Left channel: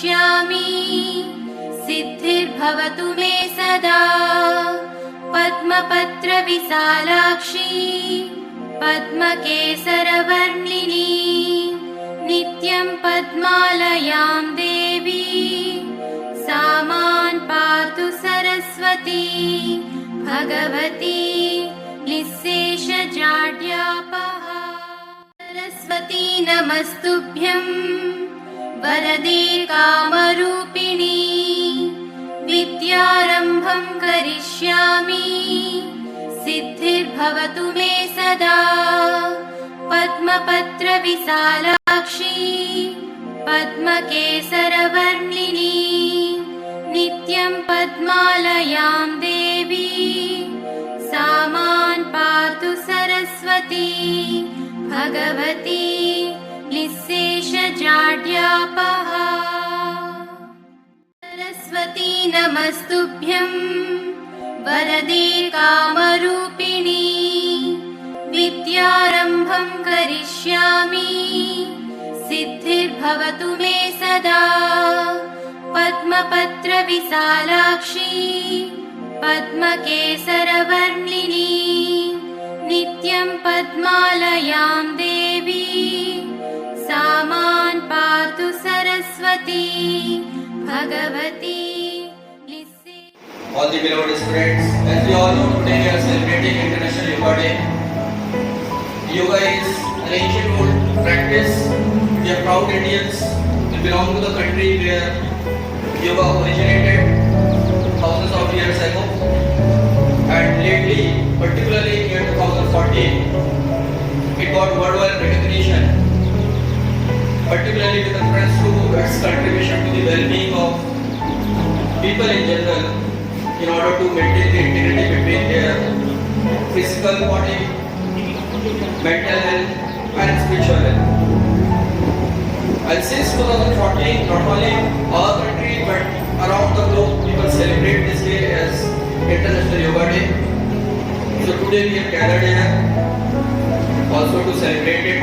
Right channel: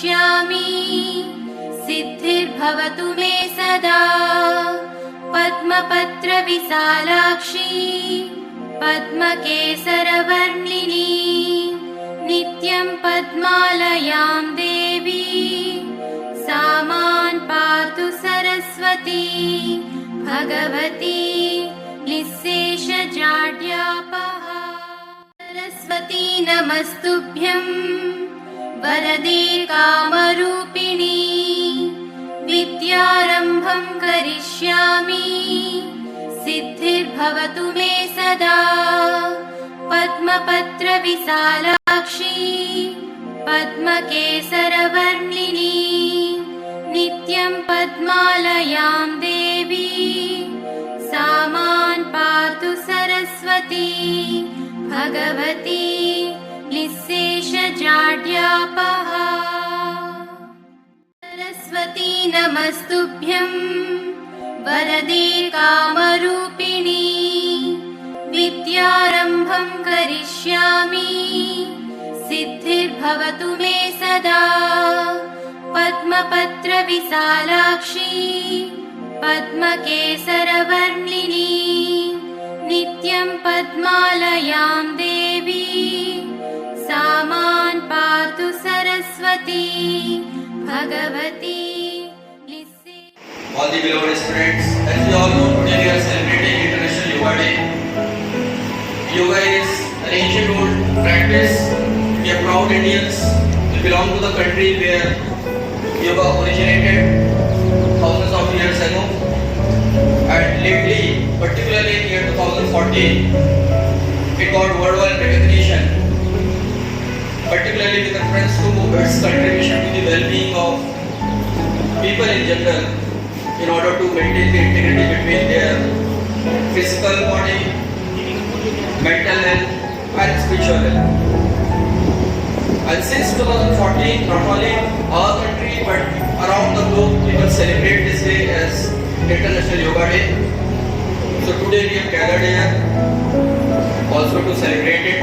करिष्यामि सिद्धिर्भवतु मे सदा पद्मपत्रविशालाक्षी पद्मकेसरवर्णिनी नित्यं पद्मालयां देवी सा मां पातु सरस्वती भगवती निःशेषजाड्यापहा सरस्वती नमस्तुभ्यं वरदे कामरूपिणी विद्यारम्भं करिष्यामि सिद्धिर्भवतु मे सदा पद्मपत्रविशालाक्षी पद्मकेसरवर्णिनी नित्यं पद्मालयां देवी सा मां पातु सरस्वती भगवती निःशेषजाड्यापहा सरस्वती नमस्तुभ्यं वरदे कामरूपिणी विद्यारम्भं करिष्यामि सिद्धिर्भवतु मे सदा पद्मपत्रविशालाक्षी पद्मकेसरवर्णिनी नित्यं पद्मालयां देवी सा मां पातु Saraswati Bhagwati. All the beloved students, as you all know, today we are celebrating International Yoga Day. Yoga is an ancient old practice. We are proud Indians. We belong to the country where yoga originated thousands of years ago. And lately, particularly in year 2014, it got worldwide recognition, particularly with reference to its contribution to the well-being of people in general, in order to maintain the integrity between their physical body, mental health and spiritual health. And since 2014, not only our country but around the globe, people celebrate this day as International Yoga Day. So today we have gathered here also to celebrate it.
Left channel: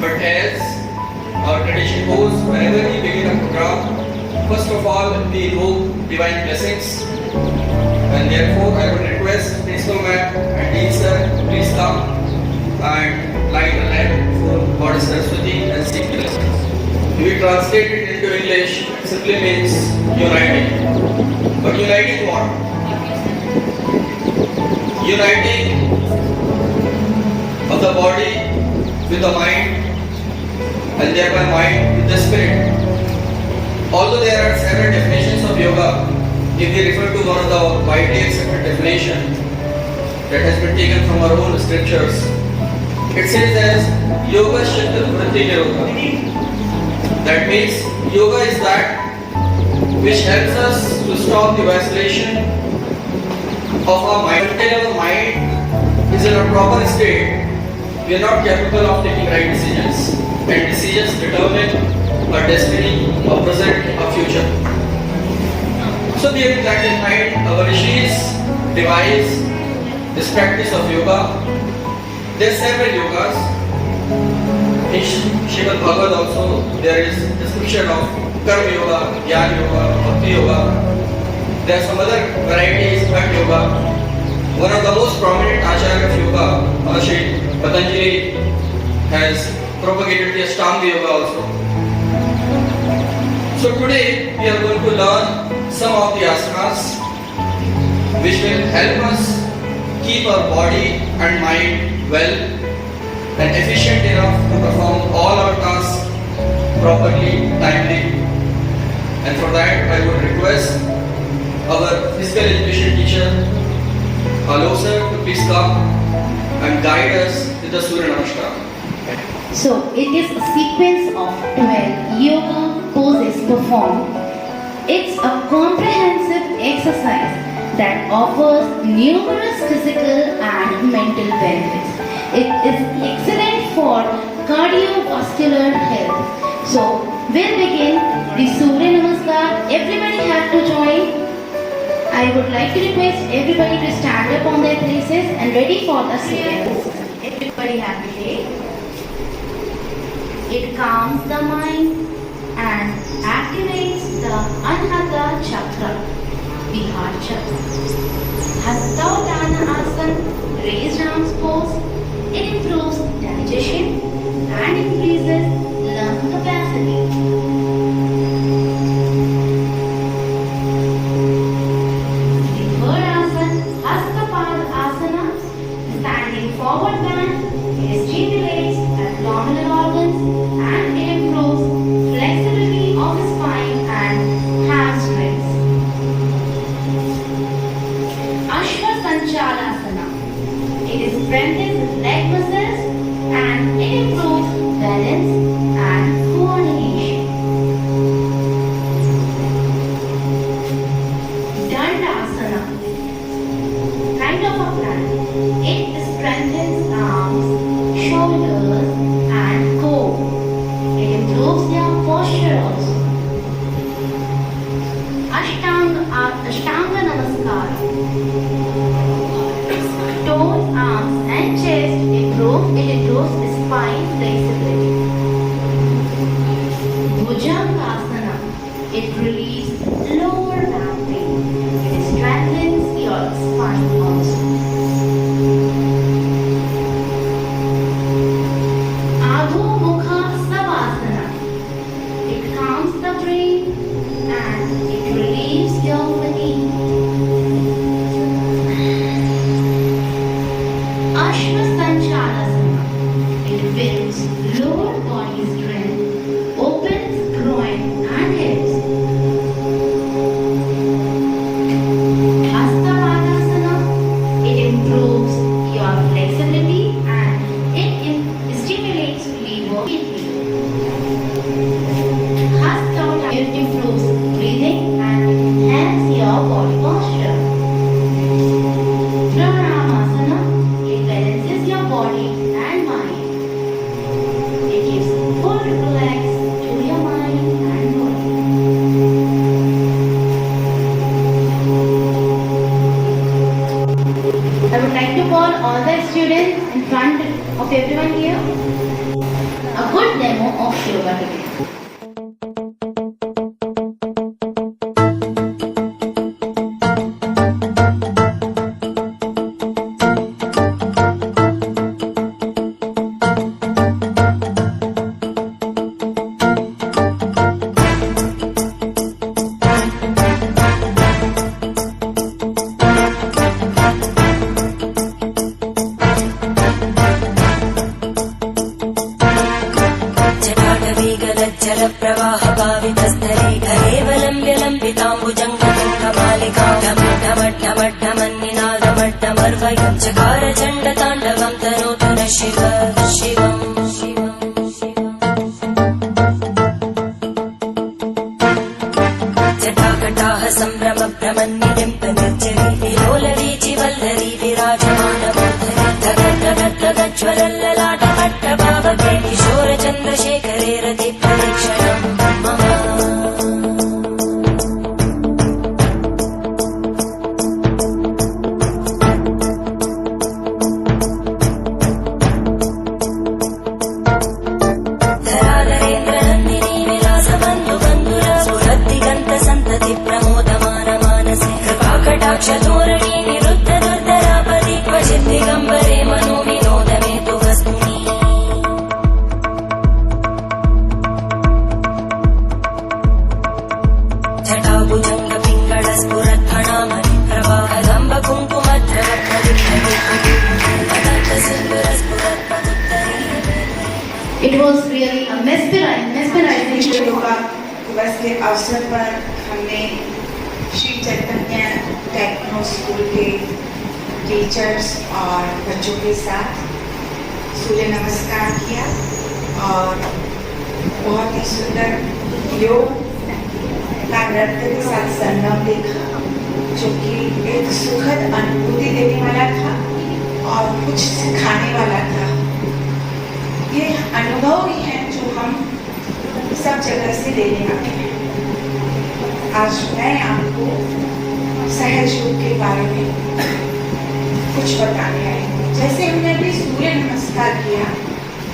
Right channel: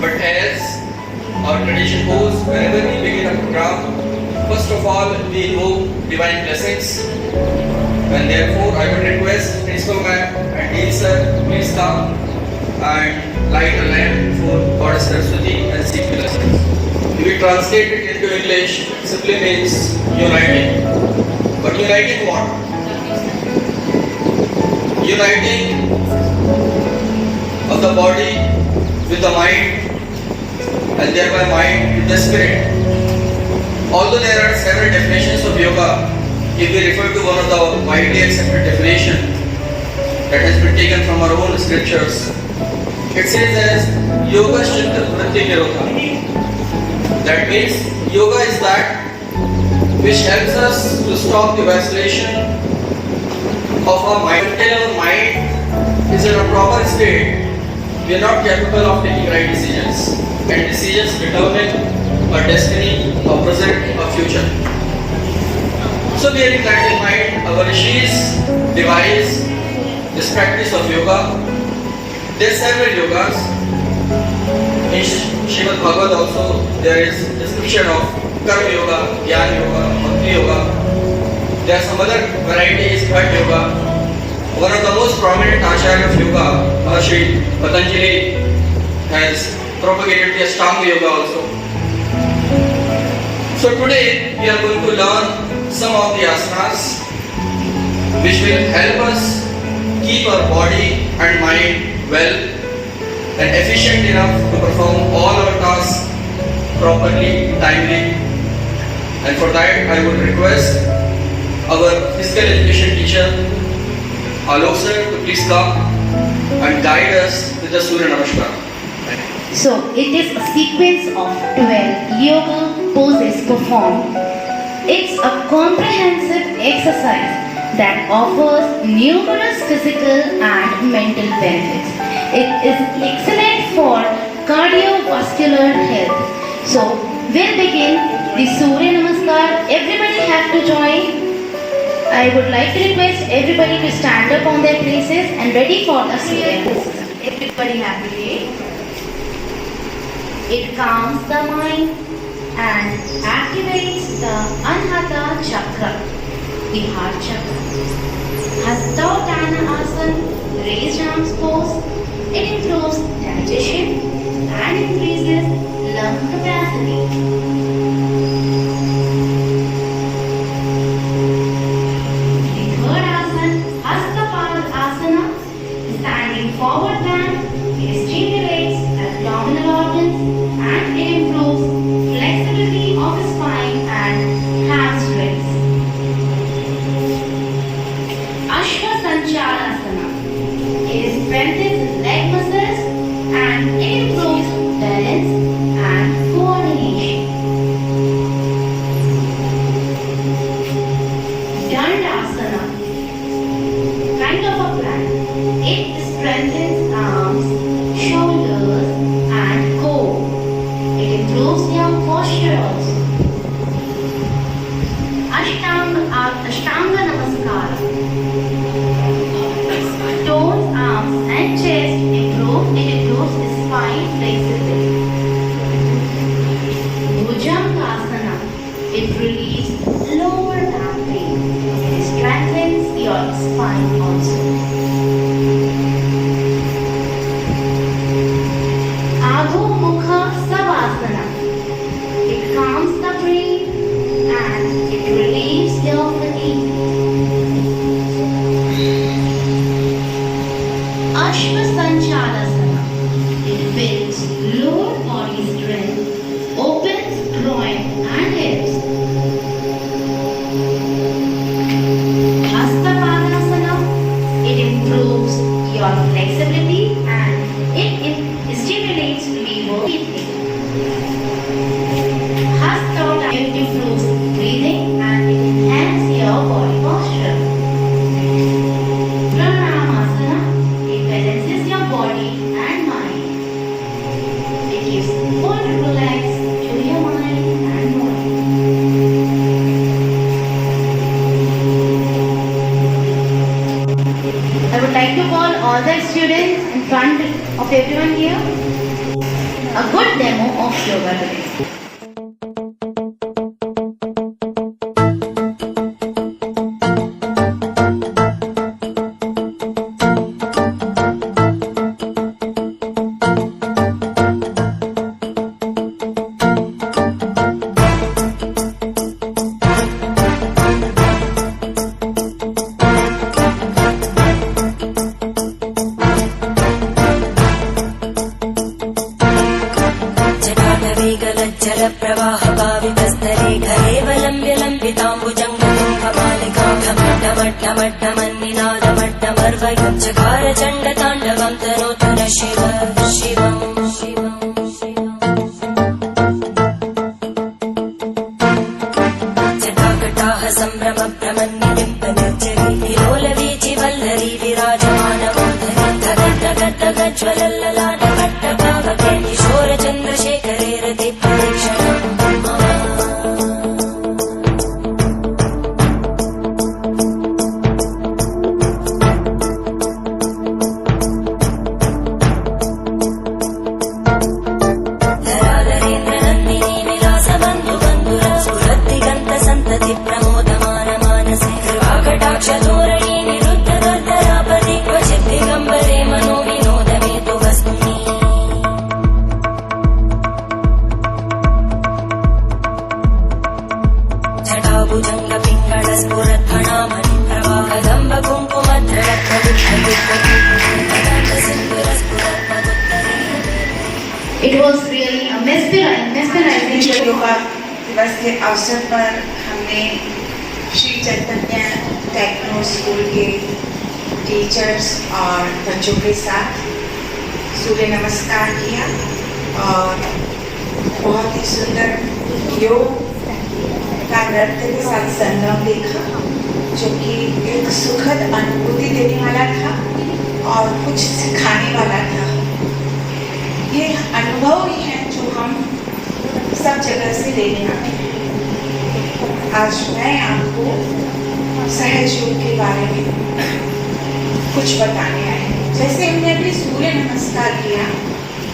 But as our tradition goes, whenever we begin a program, first of all, we invoke divine blessings, and therefore I would request Principal Ma'am and Dean Sir, please come and light a lamp for Goddess Saraswati and seek blessings. If we translate it into English, simply means uniting. But uniting what? Uniting of the body with the mind, and thereby mind with the spirit. Although there are several definitions of yoga, if we refer to one of the widely accepted definition that has been taken from our own scriptures, it says as yoga shikta vritti virodha. That means yoga is that which helps us to stop the vacillation of our mind. Until our mind is in a proper state, we are not capable of taking right decisions, and decisions determine our destiny, our present, our future. So bearing that in mind, our rishis devised this practice of yoga. There are several yogas. In Srimad Bhagavad also there is description of Karma Yoga, Jnana Yoga, Bhakti Yoga. There are some other varieties, Bhat Yoga. One of the most prominent Acharya of yoga, Maharishi Patanjali, has propagated the Ashtanga Yoga also. So today we are going to learn some of the asanas which will help us keep our body and mind well and efficient enough to perform all our tasks properly, timely. And for that I would request our physical education teacher, Alok sir, to please come and guide us with the Surya Namaskar. So, it is a sequence of 12 yoga poses performed. It's a comprehensive exercise that offers numerous physical and mental benefits. It is excellent for cardiovascular health. So, we'll begin the Surya Namaskar. Everybody have to join. I would like to request everybody to stand up on their places and ready for the Surya Namaskar. Everybody happy day. It calms the mind and activates the Anahata Chakra, the heart chakra. Hasta Asana, raised arms pose, it improves digestion and increases lung capacity. The third asana, Hastapad Asana, standing forward bend, it stimulates abdominal organs and it improves flexibility of the spine and hamstrings. Ashwasanchalasana, it strengthens leg muscles and it improves balance and coordination. Dandasana, kind of a plan. It strengthens arms, shoulders, and core. It improves your posture also. Ashtanga Namaskara. Toes, arms, and chest improve. It improves the spine flexibility. Bhujangasana. It relieves lower back pain. It strengthens your spine also. Adho Mukha Savasana. It calms the brain and it relieves your fatigue. Ashwasanchalasana. It builds lower body strength, opens groin and hips. Hastapadasana. It improves your flexibility and it stimulates liver breathing. Hasta it improves breathing and enhances your body posture. Pranayamasana, it balances your body and mind. It gives full relax to your mind and body. I would like to call all the students in front of everyone here. A good demo of yoga today. जटाटवेगलज्जलप्रवाहभावितस्तरे घरेवलम्ब्यलम्बिताम्बुजङ्गमन्निनादमट्टमर्वयं चकार चण्डताण्डवं तनोतु न शिव शिवम् जटाकटाः सम्भ्रमभ्रमन्निलिम्पनिर्जरी विलोलवीचिवल्लरी विराजमानमूर्धनि धगज्ज्वलल्ललाटपट्टभावके किशोरचन्द्रशेखरे रतिपरीक्षणम् धराधरेन्द्रनन्दिनी विलासबन्धु बन्धुर स्फुरद्दिगन्तसन्तति प्रमोदमानमानसे कृपाकटाक्षधोरणी निरुद्धदर्दरापदि क्वचित् दिगम्बरे मनो विनोदमेतु वस्तुनि जटाभुजङ्गपिङ्गळस्फुरद्भणामणि प्रवाहदम्ब It was really a mesmerizing विश्व show. Yoga दिवस के अवसर पर हमने श्री चैतन्य टेक्नो स्कूल के टीचर्स और बच्चों के साथ सूर्य नमस्कार किया और बहुत ही सुंदर योग का नृत्य के साथ संगम देखा जो कि एक सुखद अनुभूति देने वाला था और कुछ सिखाने वाला था। ये अनुभव ही है जो हम सब जगह से लेने आते हैं। आज मैं आपको सहज योग के बारे में कुछ बताने आई हूँ। जैसे हमने अभी सूर्य नमस्कार किया,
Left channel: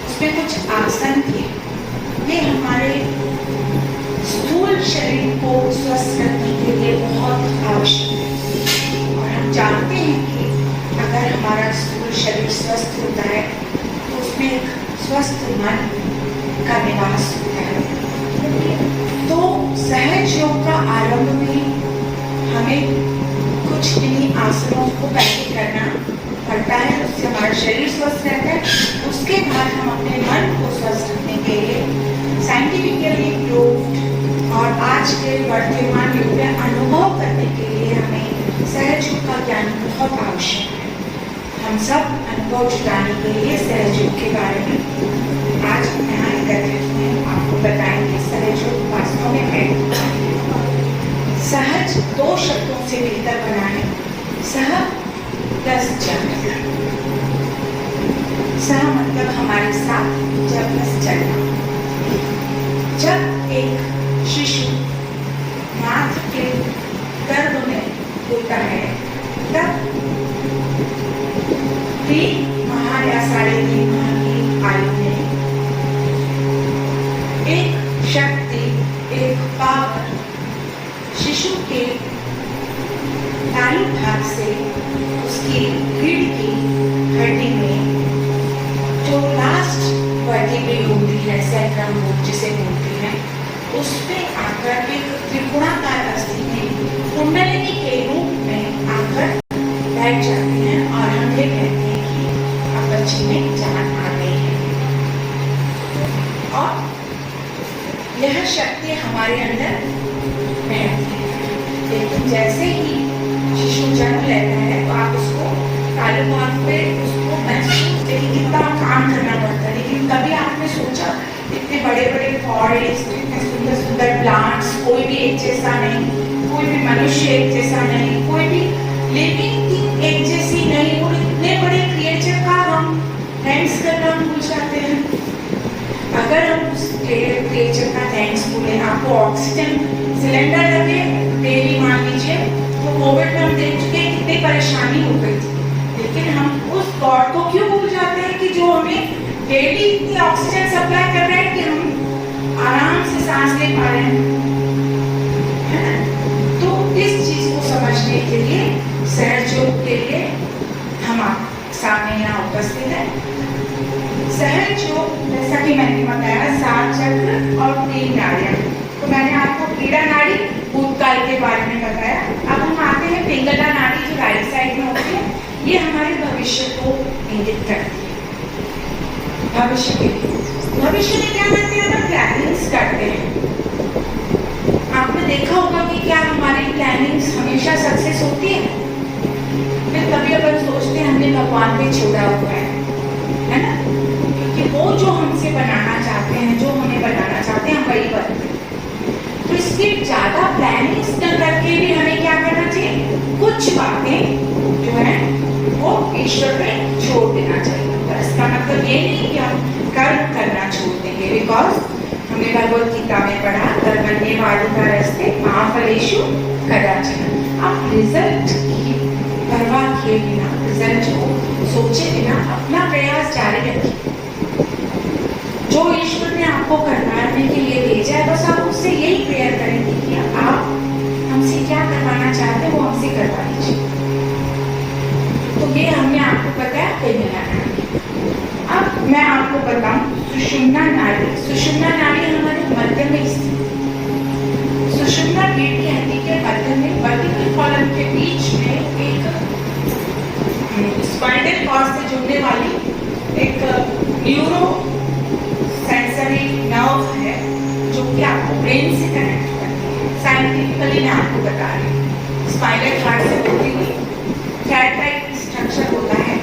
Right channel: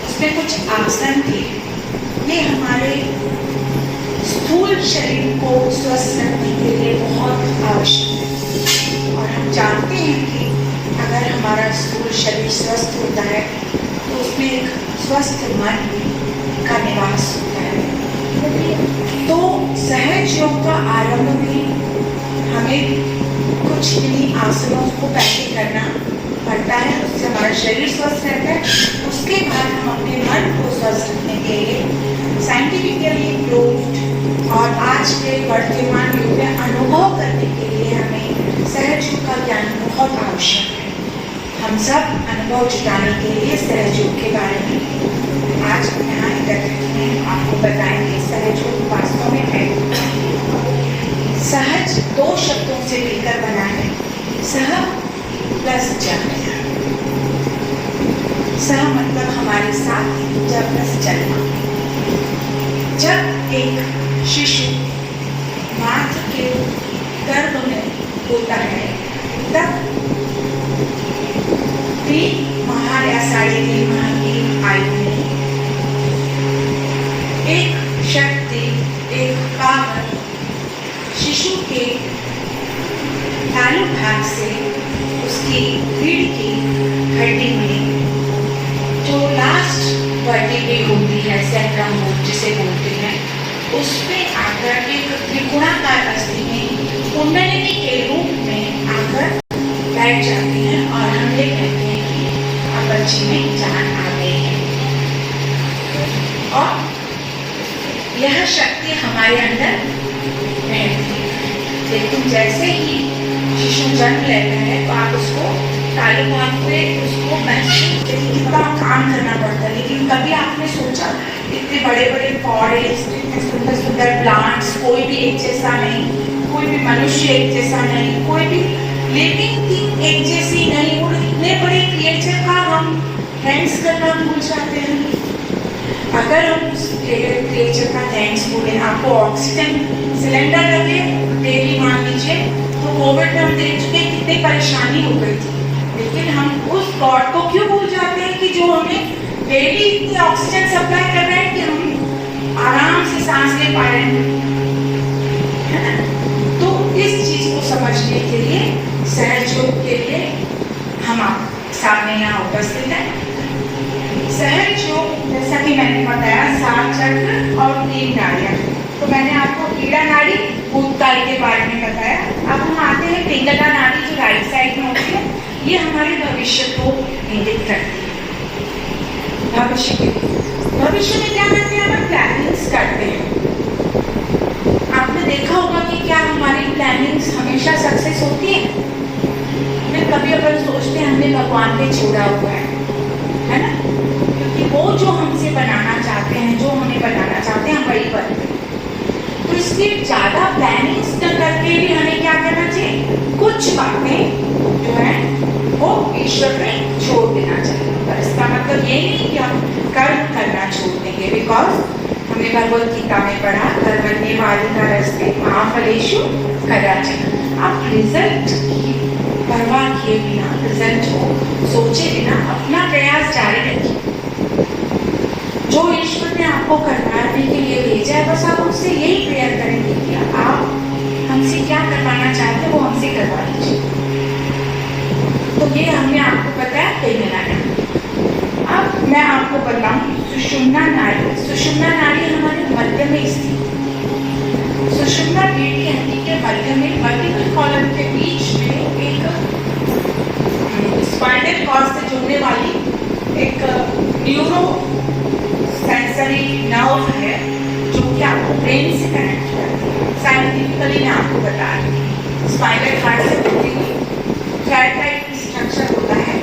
उसमें कुछ आसन थे। ये हमारे स्थूल शरीर को स्वस्थ रखने के लिए बहुत आवश्यक है। और हम जानते हैं कि अगर हमारा स्थूल शरीर स्वस्थ होता है तो उसमें एक स्वस्थ मन का निवास होता है। तो सहज योग का आरंभ में हमें कुछ इन्हीं आसनों को पहले करना पड़ता है, उससे हमारा शरीर स्वस्थ रहता है। उसके बाद हम अपने मन को स्वस्थ रखने के लिए साइंटिफिकली प्रूव्ड और आज के वर्तमान युग में अनुभव करने के लिए हमें सहज योग का ज्ञान बहुत आवश्यक है। हम सब अनुभव जुटाने के लिए सहज योग के बारे में आज हम यहाँ एकत्रित हैं, आपको बताएंगे सहज योग वास्तव में है। सहज दो शब्दों से मिलकर बना है, सह प्लस जग। सह मतलब हमारे साथ, जग प्लस चलना। जब एक शिशु मात्र के गर्भ में होता है तब भी माह या 3.5 माह की आयु में एक शक्ति, एक पावर शिशु के तालु भाग से उसकी रीढ़ की हड्डी में जो लास्ट वर्टिब्रे होती है, सैक्रम जिसे बोलते हैं, उसमें आकर एक त्रिकोणाकार अस्थि में कुंडलिनी के रूप में आकर बैठ जाती है और हम ये कहते हैं कि आप बच्ची में जान आ गई है। और यह शक्ति हमारे अंदर रहती है। लेकिन जैसे ही शिशु जन्म लेता है तो आप उसको तालु भाग पे उसको महसूस कितना काम करना पड़ता है। लेकिन कभी आपने सोचा इतने बड़े बड़े फॉरेस्ट, इतने सुंदर सुंदर प्लांट्स, कोई भी एक जैसा नहीं, कोई भी मनुष्य एक जैसा नहीं, कोई भी लिविंग थिंग एक जैसी नहीं, और इतने बड़े क्रिएचर का हम थैंक्स करना भूल जाते हैं। अगर हम उस क्रिएचर का थैंक्स बोले, आपको ऑक्सीजन सिलेंडर लगे डेली मान लीजिए, तो कोविड में हम देख चुके हैं कितनी परेशानी हो गई थी। लेकिन हम उस गॉड को क्यों भूल जाते हैं कि जो हमें डेली इतनी ऑक्सीजन सप्लाई कर रहे हैं कि हम आराम से सांस ले पा रहे हैं, है ना? तो इस चीज को समझने के लिए सहज योग के लिए हम आप सामने यहाँ उपस्थित हैं। सहज योग जैसा कि मैंने बताया 7 चक्र और 3 नाड़ियाँ। तो मैंने आपको ईड़ा नाड़ी भूतकाल के बारे में बताया। अब हम आते हैं पिंगला नाड़ी जो राइट साइड में होती है, ये हमारे भविष्य को इंगित करती है। भविष्य में क्या करते हैं, हम प्लानिंग्स करते हैं। आपने देखा होगा कि क्या हमारी प्लानिंग्स हमेशा सक्सेस होती है? फिर कभी अपन सोचते हैं हमने भगवान पे छोड़ा हुआ है ना? क्योंकि वो जो हमसे बनाना चाहते हैं, जो हमें बनाना चाहते हैं, वही बनते हैं। तो इसलिए ज्यादा प्लानिंग्स न करके भी हमें क्या करना चाहिए, कुछ बातें जो है वो ईश्वर पे छोड़ देना चाहिए। पर इसका मतलब ये नहीं कि हम कर्म करना छोड़ देंगे, बिकॉज हमने भगवत गीता में पढ़ा कर्मण्ये वाधिकारस्ते मा फलेषु कदाचन। आप रिजल्ट की परवाह किए बिना, रिजल्ट को सोचे बिना अपना प्रयास जारी रखिए। जो ईश्वर ने आपको करवाने के लिए भेजा है, बस आप उससे यही प्रेयर करेंगे कि आप हमसे क्या करवाना चाहते हैं वो हमसे करवा लीजिए। तो ये हमने आपको बताया पिंगला नाड़ी। अब मैं आपको बताऊं सुषुम्ना नाड़ी। सुषुम्ना नाड़ी हमारे मध्य में स्थित, सुषुम्ना पेट की हड्डी के मध्य में वर्टिकल कॉलम के बीच में एक स्पाइनल कॉर्ड से जुड़ने वाली एक न्यूरो सेंसरी नर्व है जो कि आपको ब्रेन से कनेक्ट करती है। साइंटिफिकली मैं आपको बता रही हूँ, स्पाइनल कॉर्ड से होती हुई थ्रेड टाइप की स्ट्रक्चर होता है,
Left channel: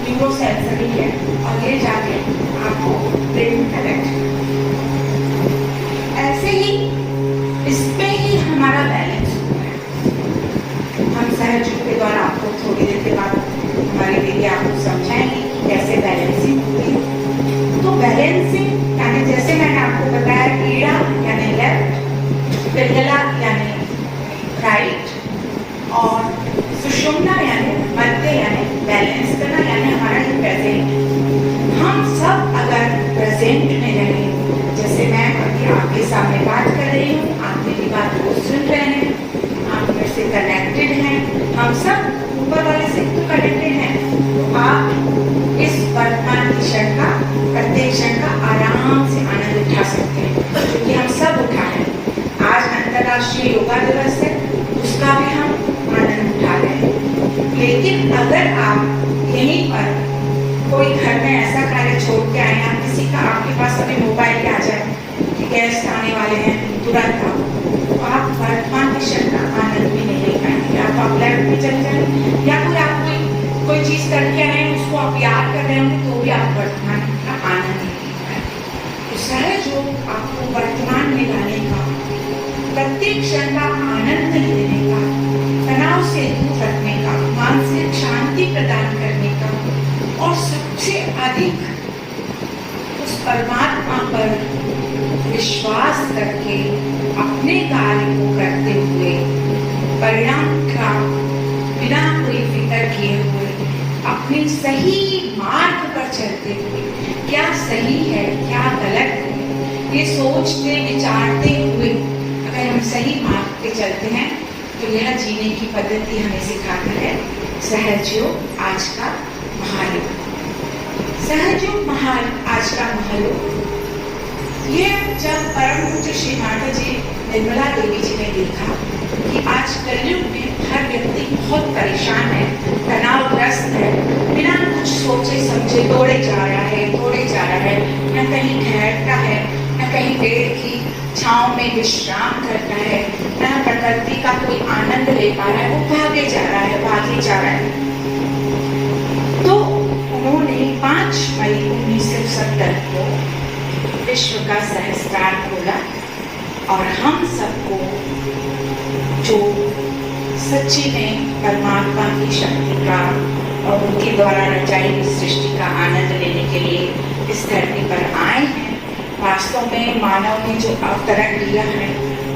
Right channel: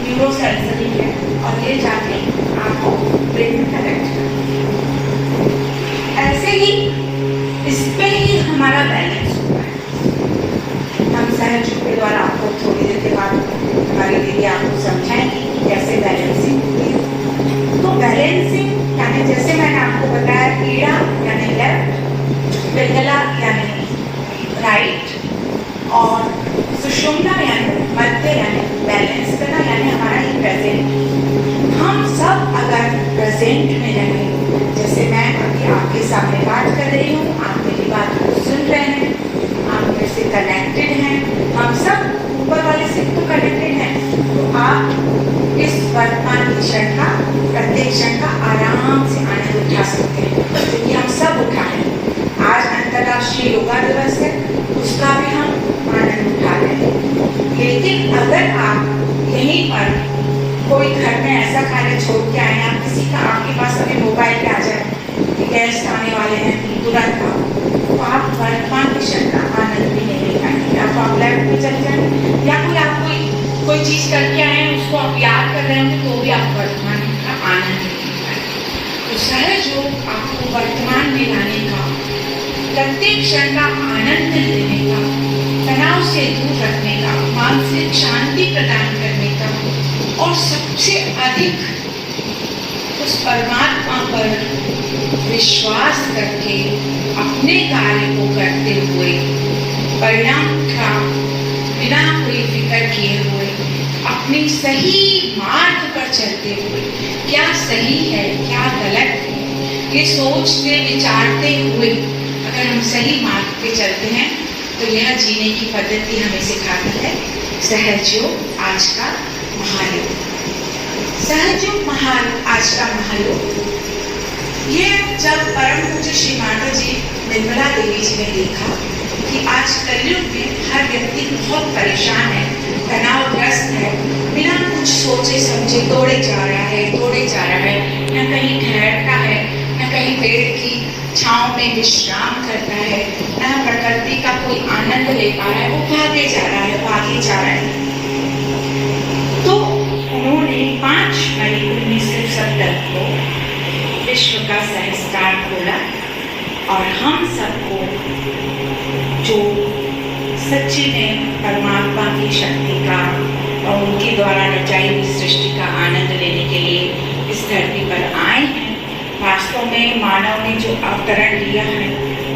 न्यूरो सेंसरी है, और ये जाके आपको ब्रेन में कनेक्ट करती है। ऐसे ही इसमें ही हमारा बैलेंस होता है। हम सहज के द्वारा आपको थोड़ी देर के बाद हमारी दीदी आपको समझाएंगे कैसे बैलेंसिंग होती है। तो बैलेंसिंग यानी जैसे मैंने आपको बताया, ईड़ा यानी लेफ्ट, पिंगला यानी राइट, और सुषुम्ना यानी मध्य यानी बैलेंस करना, यानी हमारा ही प्रेजेंट। हम सब अगर प्रेजेंट में रहें, जैसे मैं अभी आपके सामने बात कर रही हूँ, आप मेरी बात को सुन रहे हैं, आप मेरे से कनेक्टेड हैं, हम सब ऊपर वाले से तो कनेक्टेड हैं। तो आप इस वर्तमान क्षण का, प्रत्येक क्षण का आराम से आनंद उठा सकते हैं, क्योंकि हम सब उठाए। आज अंतर्राष्ट्रीय योगा दिवस है, उसका भी हम आनंद उठा रहे हैं। लेकिन अगर आप यहीं पर कोई घर में ऐसा कार्य छोड़ के आए, आप किसी का, आपके पास अभी मोबाइल पे आ जाए, गेस्ट आने वाले हैं तुरंत, तो आप वर्तमान क्षण का आनंद भी नहीं ले पाएंगे। आप लैब में चले जाएंगे या कोई आप कोई चीज करके आए, उसको आप याद कर रहे हैं, तो भी आप वर्तमान का आनंद नहीं ले पाएंगे। तो सहज योग आपको वर्तमान में लाने का, प्रत्येक क्षण का आनंद लेने का, तनाव से दूर रखने का, मानसिक शांति प्रदान करने का, और सबसे अधिक उस परमात्मा पर विश्वास करके अपने कार्य को करते हुए, परिणाम का बिना कोई फिक्र किए हुए, अपने सही मार्ग पर चलते हुए, क्या सही है क्या गलत है, ये सोचते विचारते हुए अगर हम सही मार्ग पे चलते हैं, तो यह जीने की पद्धति हमें सिखाती है सहज योग आज का महायोग। सहज योग आज का महायोग, ये जब परम पूज्य श्री माता जी निर्मला देवी जी ने देखा कि आज कलयुग में हर व्यक्ति बहुत परेशान है, तनावग्रस्त है, बिना कुछ सोचे समझे दौड़े जा रहा है, न कहीं ठहरता है, न कहीं पेड़ की छांव में विश्राम करता है, न प्रकृति का कोई आनंद ले पा रहा है, वो भागे जा रहा है। तो उन्होंने 5 मई 1970 को विश्व का संस्कार खोला, और हम सबको जो सच्ची में परमात्मा की शक्ति का और उनके द्वारा रचाई हुई सृष्टि का आनंद लेने के लिए इस धरती पर आए हैं। वास्तव में मानव ने जो अवतरण लिया है,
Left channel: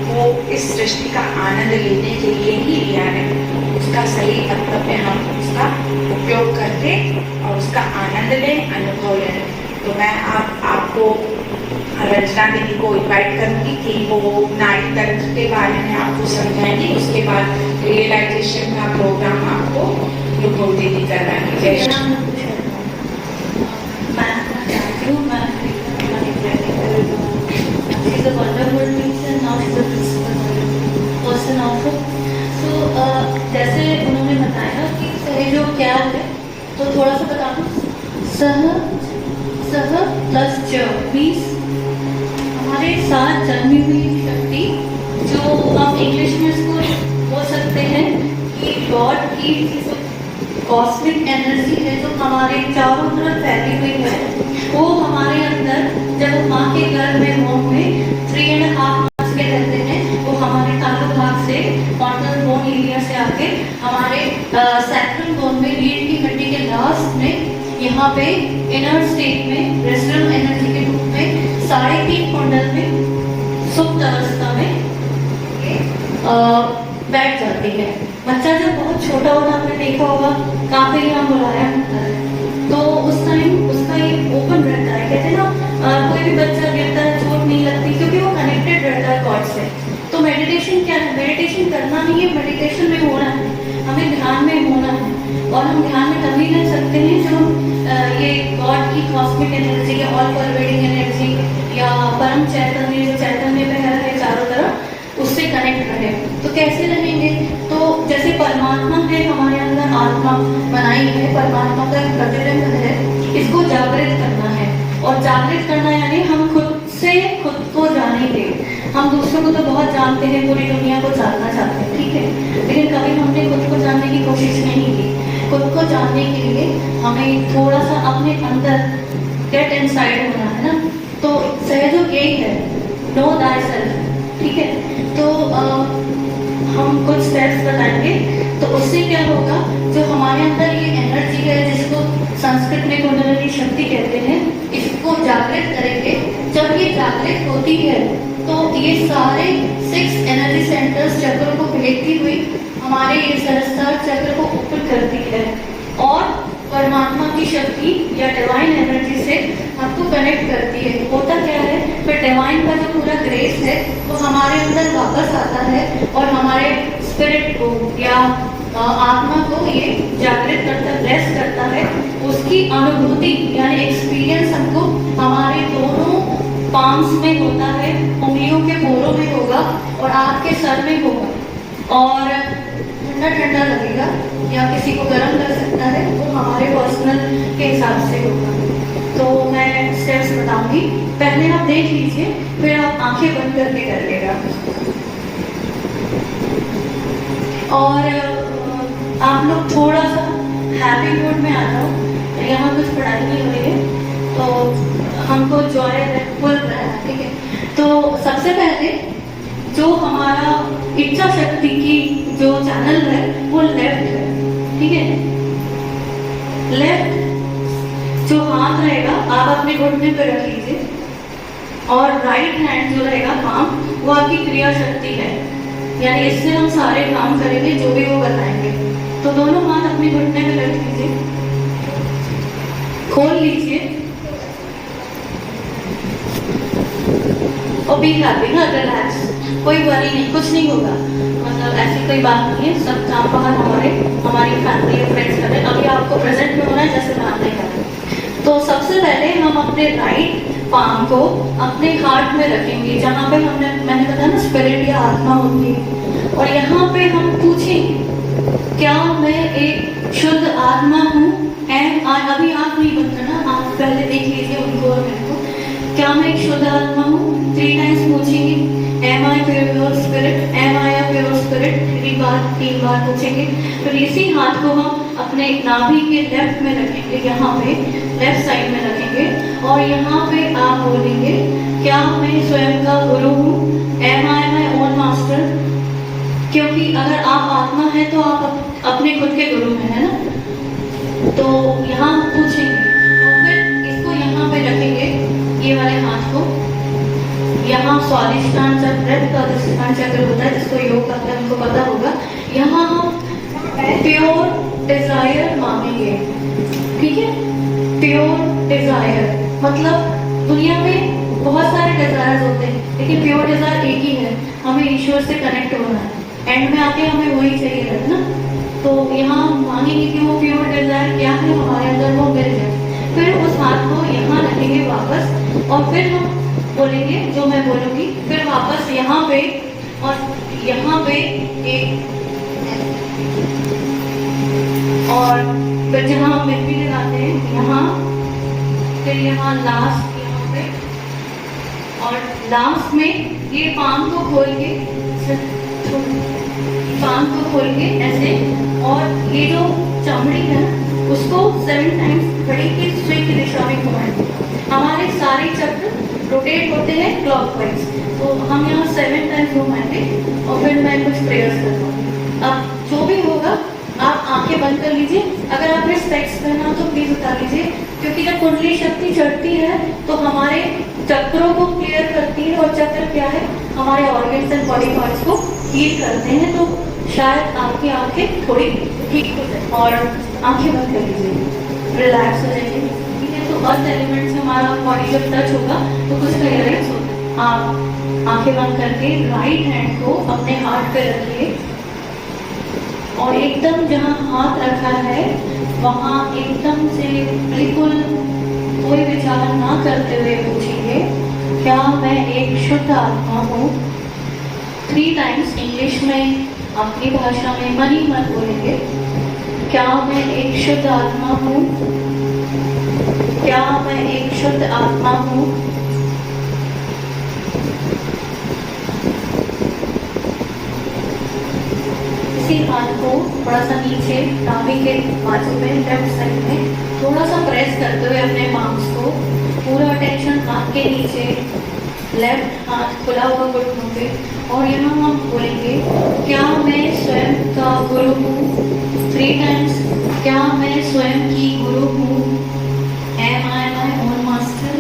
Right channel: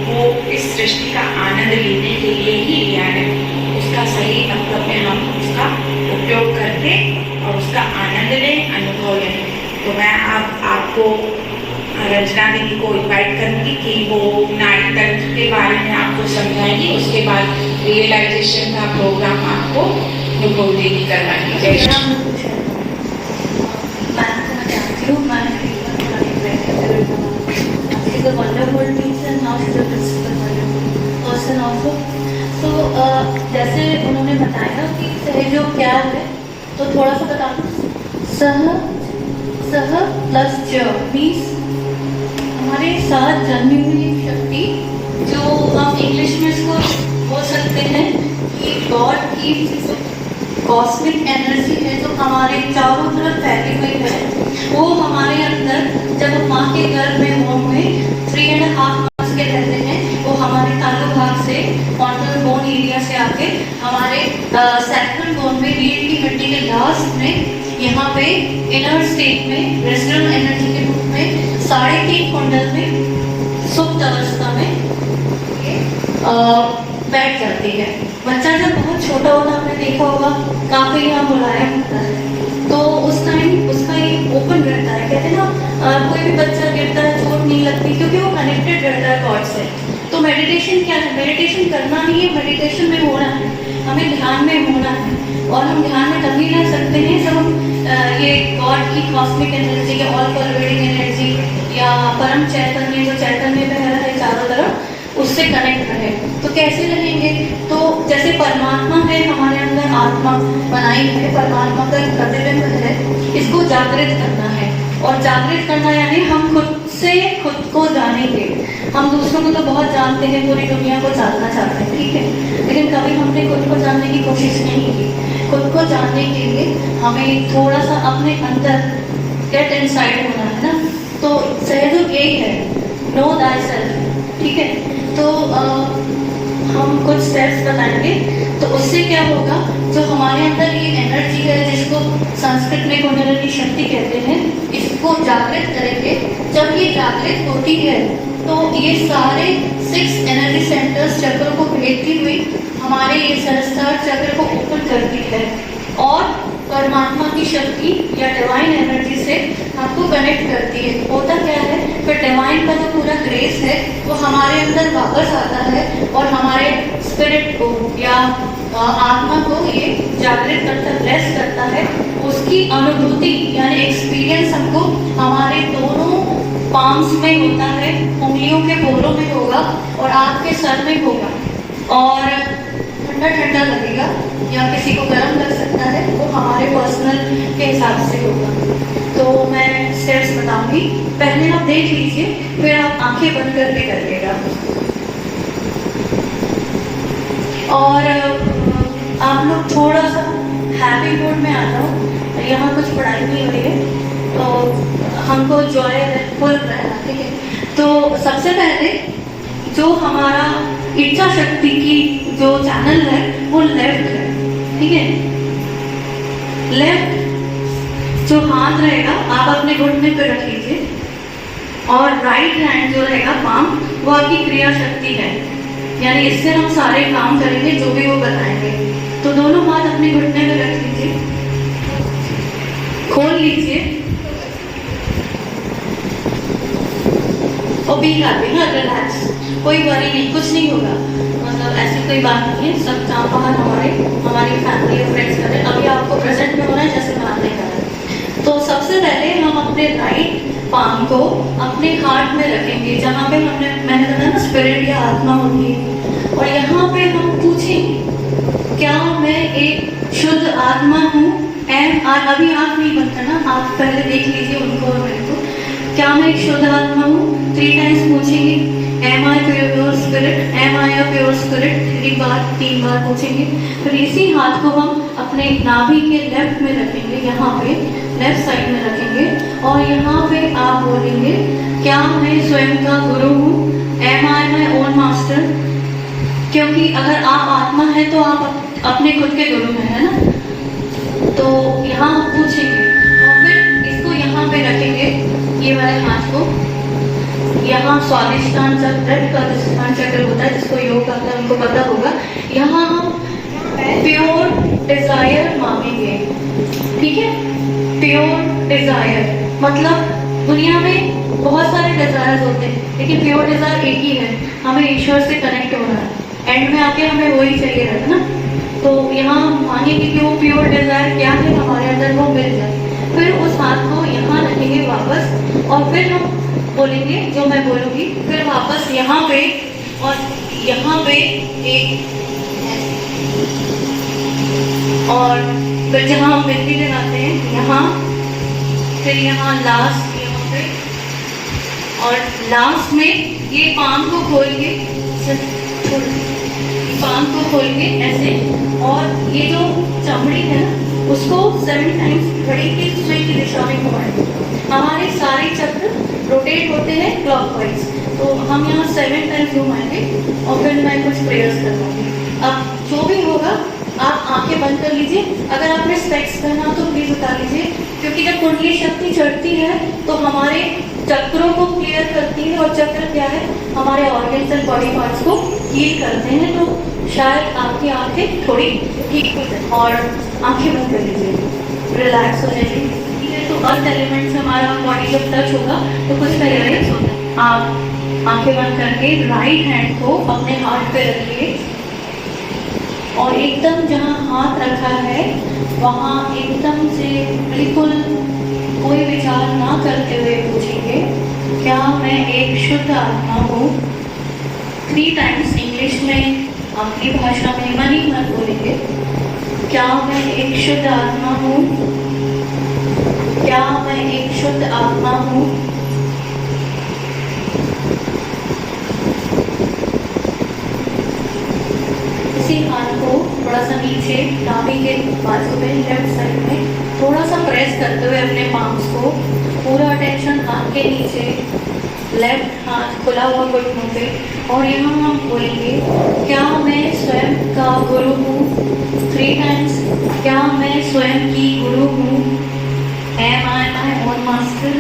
वो इस सृष्टि का आनंद लेने के लिए ही लिया है। उसका सही मतलब में हम उसका उपयोग करके और उसका आनंद लें, अनुभव लें। तो मैं आपको रचना दीदी को इन्वाइट करूंगी कि वो नाड़ी तंत्र के बारे में आपको समझाएंगी, उसके बाद रियलाइजेशन का प्रोग्राम आपको नुपुर दीदी करवाएंगी। जय Shri She's a wonderful teacher, now she's a principal person also. So जैसे उन्होंने बताया कि सहज योग क्या है, तो थोड़ा सा बता दो। सह प्लस ज मीन्स हमारे साथ जन्मी हुई शक्ति, जो हम इंग्लिश में इसको बोल सकते हैं कि गॉड की कॉस्मिक एनर्जी है, जो हमारे चारों तरफ फैली हुई है। वो हमारे अंदर जब हम माँ के गर्भ में होम में 3.5 months के रहते हैं, वो हमारे तालु भाग से कॉर्नर बोन एरिया से आके हमारे सैक्रल बोन में रीढ़ की हड्डी के लास्ट में यहाँ पे इनर स्टेट में रेस्टर्न एनर्जी के रूप में 3.5 कुंडल में सुप्त अवस्था में बैठ जाती है। बच्चा जब बहुत छोटा होता है, हमने देखा होगा काफी यहाँ बुलाया होता है, तो उस टाइम उसका ये ओपन रहता है। कहते हैं ना, कोई भी बच्चा गिरता है चोट नहीं लगती, क्योंकि वो कनेक्टेड रहता है गॉड से। तो मेडिटेशन क्या है? मेडिटेशन करना नहीं है, मेडिटेशन में होना है, हमें ध्यान में होना है। और हम ध्यान में तभी रह सकते हैं जब हम ये गॉड की कॉस्मिक एनर्जी या ऑल परवेडिंग एनर्जी या परम चैतन्य, जो चैतन्य में है चारों तरफ, उससे कनेक्ट रहे। तो कैसे रहेंगे? तो जैसे परमात्मा है हमारे अंदर, आत्मा बनाई है, परमात्मा का एक प्रतिबिंब है, इसको जागृत करना है। और जागृत करना यानी हम खुद से खुद को जानेंगे। हम दूसरों को तो बहुत जानते हैं, पूरी दुनिया को जानना चाहते हैं, ठीक है, लेकिन कभी हमने खुद को जानने की कोशिश नहीं की। खुद को जानने के लिए हमें थोड़ा सा अपने अंदर गेट इनसाइड होना है ना। तो सहयोग यही है, नो दाई सेल्फ, ठीक है। तो हम कुछ स्टेप्स बताएंगे, तो उससे क्या होगा, जो हमारे अंदर ये एनर्जी है, जिसको संस्कृत में कुंडलिनी शक्ति कहते हैं, इसको जागृत करेंगे। जब ये जागृत होती है, तो ये सारे 6 एनर्जी सेंटर्स चक्र को भेजती हुई हमारे ये सहस्त्रार चक्र को ओपन करती है, और परमात्मा की शक्ति या डिवाइन एनर्जी से आपको कनेक्ट करती है। होता क्या है, फिर डिवाइन का जो पूरा ग्रेस है वो हमारे अंदर वापस आता है और हमारे स्पिरिट को या आत्मा को ये जागृत करता है, ब्लेस करता है। उसकी अनुभूति यानी एक्सपीरियंस हमको हमारे दोनों पाम्स में होता है, उंगलियों के बोलों में होगा और आपके सर में होगा और ठंडा ठंडा लगेगा या किसी को गर्म कर सकता है, वो हमारे पर्सनल के हिसाब से होगा। तो मैं स्टेप्स बताऊंगी, पहले आप देख लीजिए, फिर आप आंखें बंद करके करिएगा। और आप लोग थोड़ा सा हैप्पी मूड में आ जाओ, यहाँ कुछ पढ़ाई नहीं हो रही है तो हमको जॉय फुल रहना, ठीक है। तो सबसे पहले जो हमारा इच्छा शक्ति की जो चैनल है वो लेफ्ट है, ठीक है। लेफ्ट जो हाथ रहेगा आप अपने घुटने पर रख लीजिए और राइट हैंड जो रहेगा पाम वो आपकी क्रिया शक्ति है, यानी इससे हम सारे काम करेंगे जो भी वो बताएंगे। तो दोनों हाथ अपने घुटने में रख लीजिए, खोल लीजिए और बी हैप्पी, रिलैक्स, कोई वरी नहीं, कुछ नहीं होगा, मतलब ऐसी कोई बात नहीं है। सब काम बाहर हमारी फैमिली और फ्रेंड्स करें, अभी आपको प्रेजेंट में होना है जैसे मैं आपने कहा। तो सबसे पहले हम अपने राइट पाम को अपने हार्ट में रखेंगे जहाँ पे मैंने बताया ना स्पिरिट या आत्मा होगी, और यहाँ पे हम पूछेंगे क्या मैं एक शुद्ध आत्मा हूँ। अभी आप नहीं बंद करना, आप पहले देख लीजिए उनको और मेरे को, क्या मैं एक शुद्ध आत्मा हूँ। 3 टाइम्स पूछेंगे, am I pure spirit, am I a pure spirit, 3 बार पूछेंगे। फिर इसी हाथ को हम अपने नाभि के लेफ्ट में रखेंगे, यहाँ पे लेफ्ट साइड में रखेंगे और यहाँ पे आप बोलेंगे क्या मैं स्वयं का गुरु हूँ, am I my own master. क्योंकि अगर आप आत्मा है तो आप अपने खुद के गुरु हैं, है ना। तो यहाँ पूछेंगे और फिर इसको यहाँ पे रखेंगे, ये वाले हाथ को यहाँ स्वादिष्टान चक्र का चक्र होता है जिसको योग आता है उनको पता होगा। यहाँ हम प्योर डिजायर मांगेंगे, ठीक है। प्योर डिजायर मतलब दुनिया में बहुत सारे डिजायर होते हैं लेकिन प्योर डिजायर एक ही है, हमें ईश्वर से कनेक्ट होना है, एंड में आके हमें वही चाहिए रहता ना। तो यहाँ मांगेंगे कि वो प्योर डिजायर क्या है हमारे अंदर वो मिल जाए। फिर उस हाथ को यहाँ रखेंगे वापस और फिर हम बोलेंगे जो मैं बोलूँगी, फिर वापस यहाँ पे और यहाँ पे एक, और फिर जहाँ हम मेहंदी लगाते हैं यहाँ, फिर यहाँ लास्ट यहाँ पे, और लास्ट में ये पाम को खोल के ऐसे, और ये जो चमड़ी है ना उसको 7 टाइम्स घड़ी की सुई की दिशा में घुमाएंगे। हमारे सारे चक्र रोटेट होते हैं क्लॉकवाइज, तो हम यहाँ 7 टाइम्स घुमाएंगे और फिर मैं कुछ प्रेयर्स करवाऊंगी। अब जो भी होगा आप आंखें बंद कर लीजिए, अगर आपने स्पेक्स पहना हो तो प्लीज उतार लीजिए, क्योंकि जब कुंडली शक्ति चढ़ती है तो हमारे चक्रों को क्लियर करती है, और चक्र क्या है हमारे ऑर्गन्स एंड बॉडी पार्ट्स को हील करते हैं। तो शायद आपकी आंखें थोड़ी ठीक हो जाए और आंखें बंद कर लीजिए, रिलैक्स हो जाइए, ठीक है। तो अर्थ एलिमेंट से हमारा बॉडी जब टच होगा तो कुछ रिलैक्स होता है। आप आंखें बंद करके राइट हैंड को अपने हार्ट पे रखिए और एकदम जहाँ हाथ रखा है वहाँ एकदम से बिल्कुल कोई विचार ना करते हुए पूछेंगे क्या मैं एक शुद्ध आत्मा हूँ। 3 टाइम्स इंग्लिश में अपनी भाषा में मन ही मन बोलेंगे, क्या मैं एक शुद्ध आत्मा हूँ, क्या मैं एक शुद्ध आत्मा हूँ। इसी हाथ को थोड़ा सा नीचे नाभि के बाजू में लेफ्ट साइड में थोड़ा सा प्रेस करते हुए अपने पाम्स को, पूरा अटेंशन हाथ के नीचे, लेफ्ट हाथ खुला हुआ घुटनों पे, और यहाँ हम बोलेंगे क्या मैं स्वयं का गुरु हूँ। 3 टाइम्स, क्या मैं स्वयं की गुरु हूँ, am I my own master.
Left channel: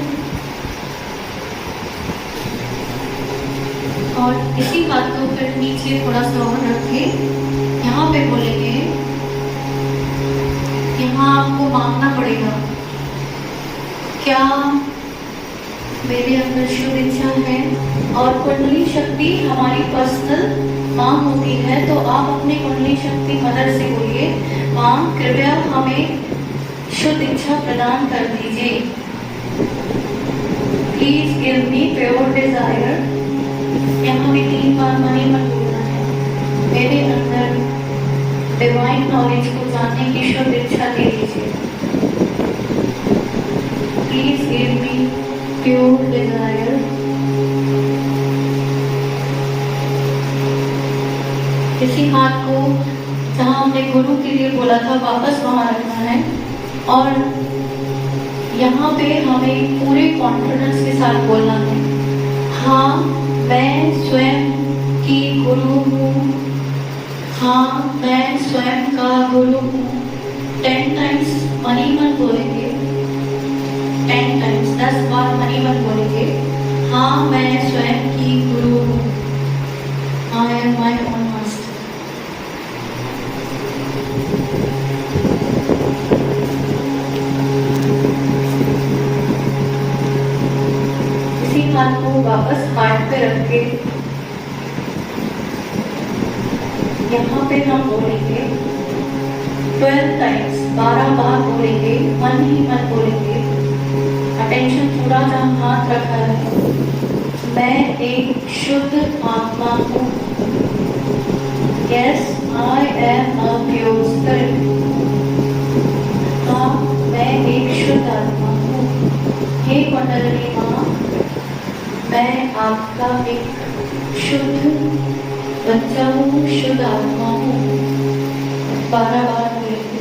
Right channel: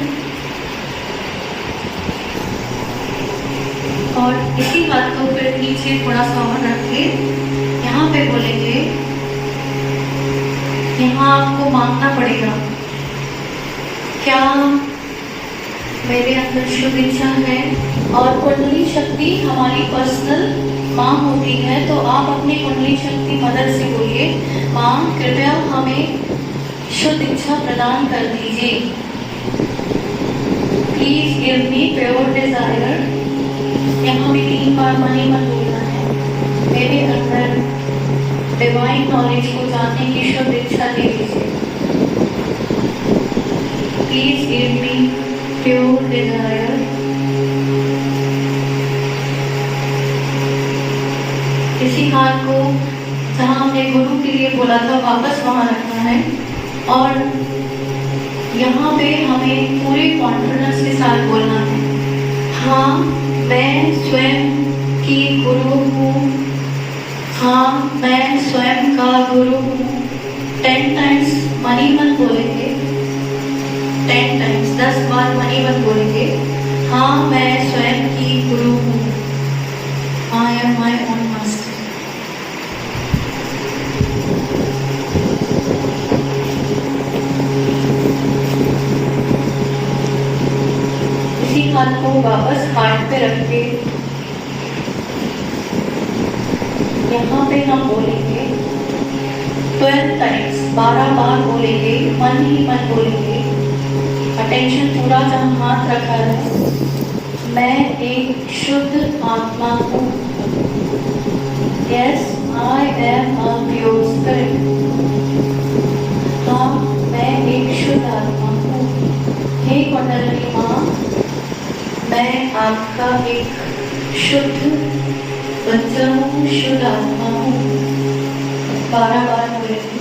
और इसी हाथ को फिर नीचे थोड़ा सा और रख के यहाँ पे बोलेंगे, यहाँ आपको मांगना पड़ेगा क्या मेरे अंदर शुभ इच्छा है और कुंडली शक्ति हमारी पर्सनल माँ होती है, तो आप अपनी कुंडली शक्ति मदद से बोलिए, माँ कृपया हमें शुद्ध इच्छा प्रदान कर दीजिए। Please give me pure desire. यहाँ में 3 बार मनी मन बोलना है। मेरे अंदर डिवाइन नॉलेज को जानने की शुद्ध इच्छा दे दीजिए। Please give me pure desire. इसी हाथ को जहाँ हमने गुरु के लिए बोला था वापस वहां रखना है और यहाँ पे हमें पूरे कॉन्फिडेंस के साथ बोलना है, हाँ मैं स्वयं की गुरु हूँ, हाँ मैं स्वयं का गुरु हूँ। 10 टाइम्स मनी मन बोलेंगे, 10 टाइम्स 10 बार मनी मन बोलेंगे, हाँ मैं स्वयं की गुरु हूँ। I am my own master. इसी हाथ को वापस हार्ट पे रख के यहाँ पे हम बोलेंगे 12 टाइम्स, 12 बार बोलेंगे, मन ही मन बोलेंगे। अटेंशन पूरा जहाँ हाथ रखा है। मैं एक शुद्ध आत्मा हूँ। Yes I am a pure spirit. हाँ मैं एक शुद्ध आत्मा हूँ। हे कुंडलिनी माँ, मैं आपका एक शुद्ध बच्चा हूँ, शुद्ध आत्मा हूँ। 12 बार बोलेंगे।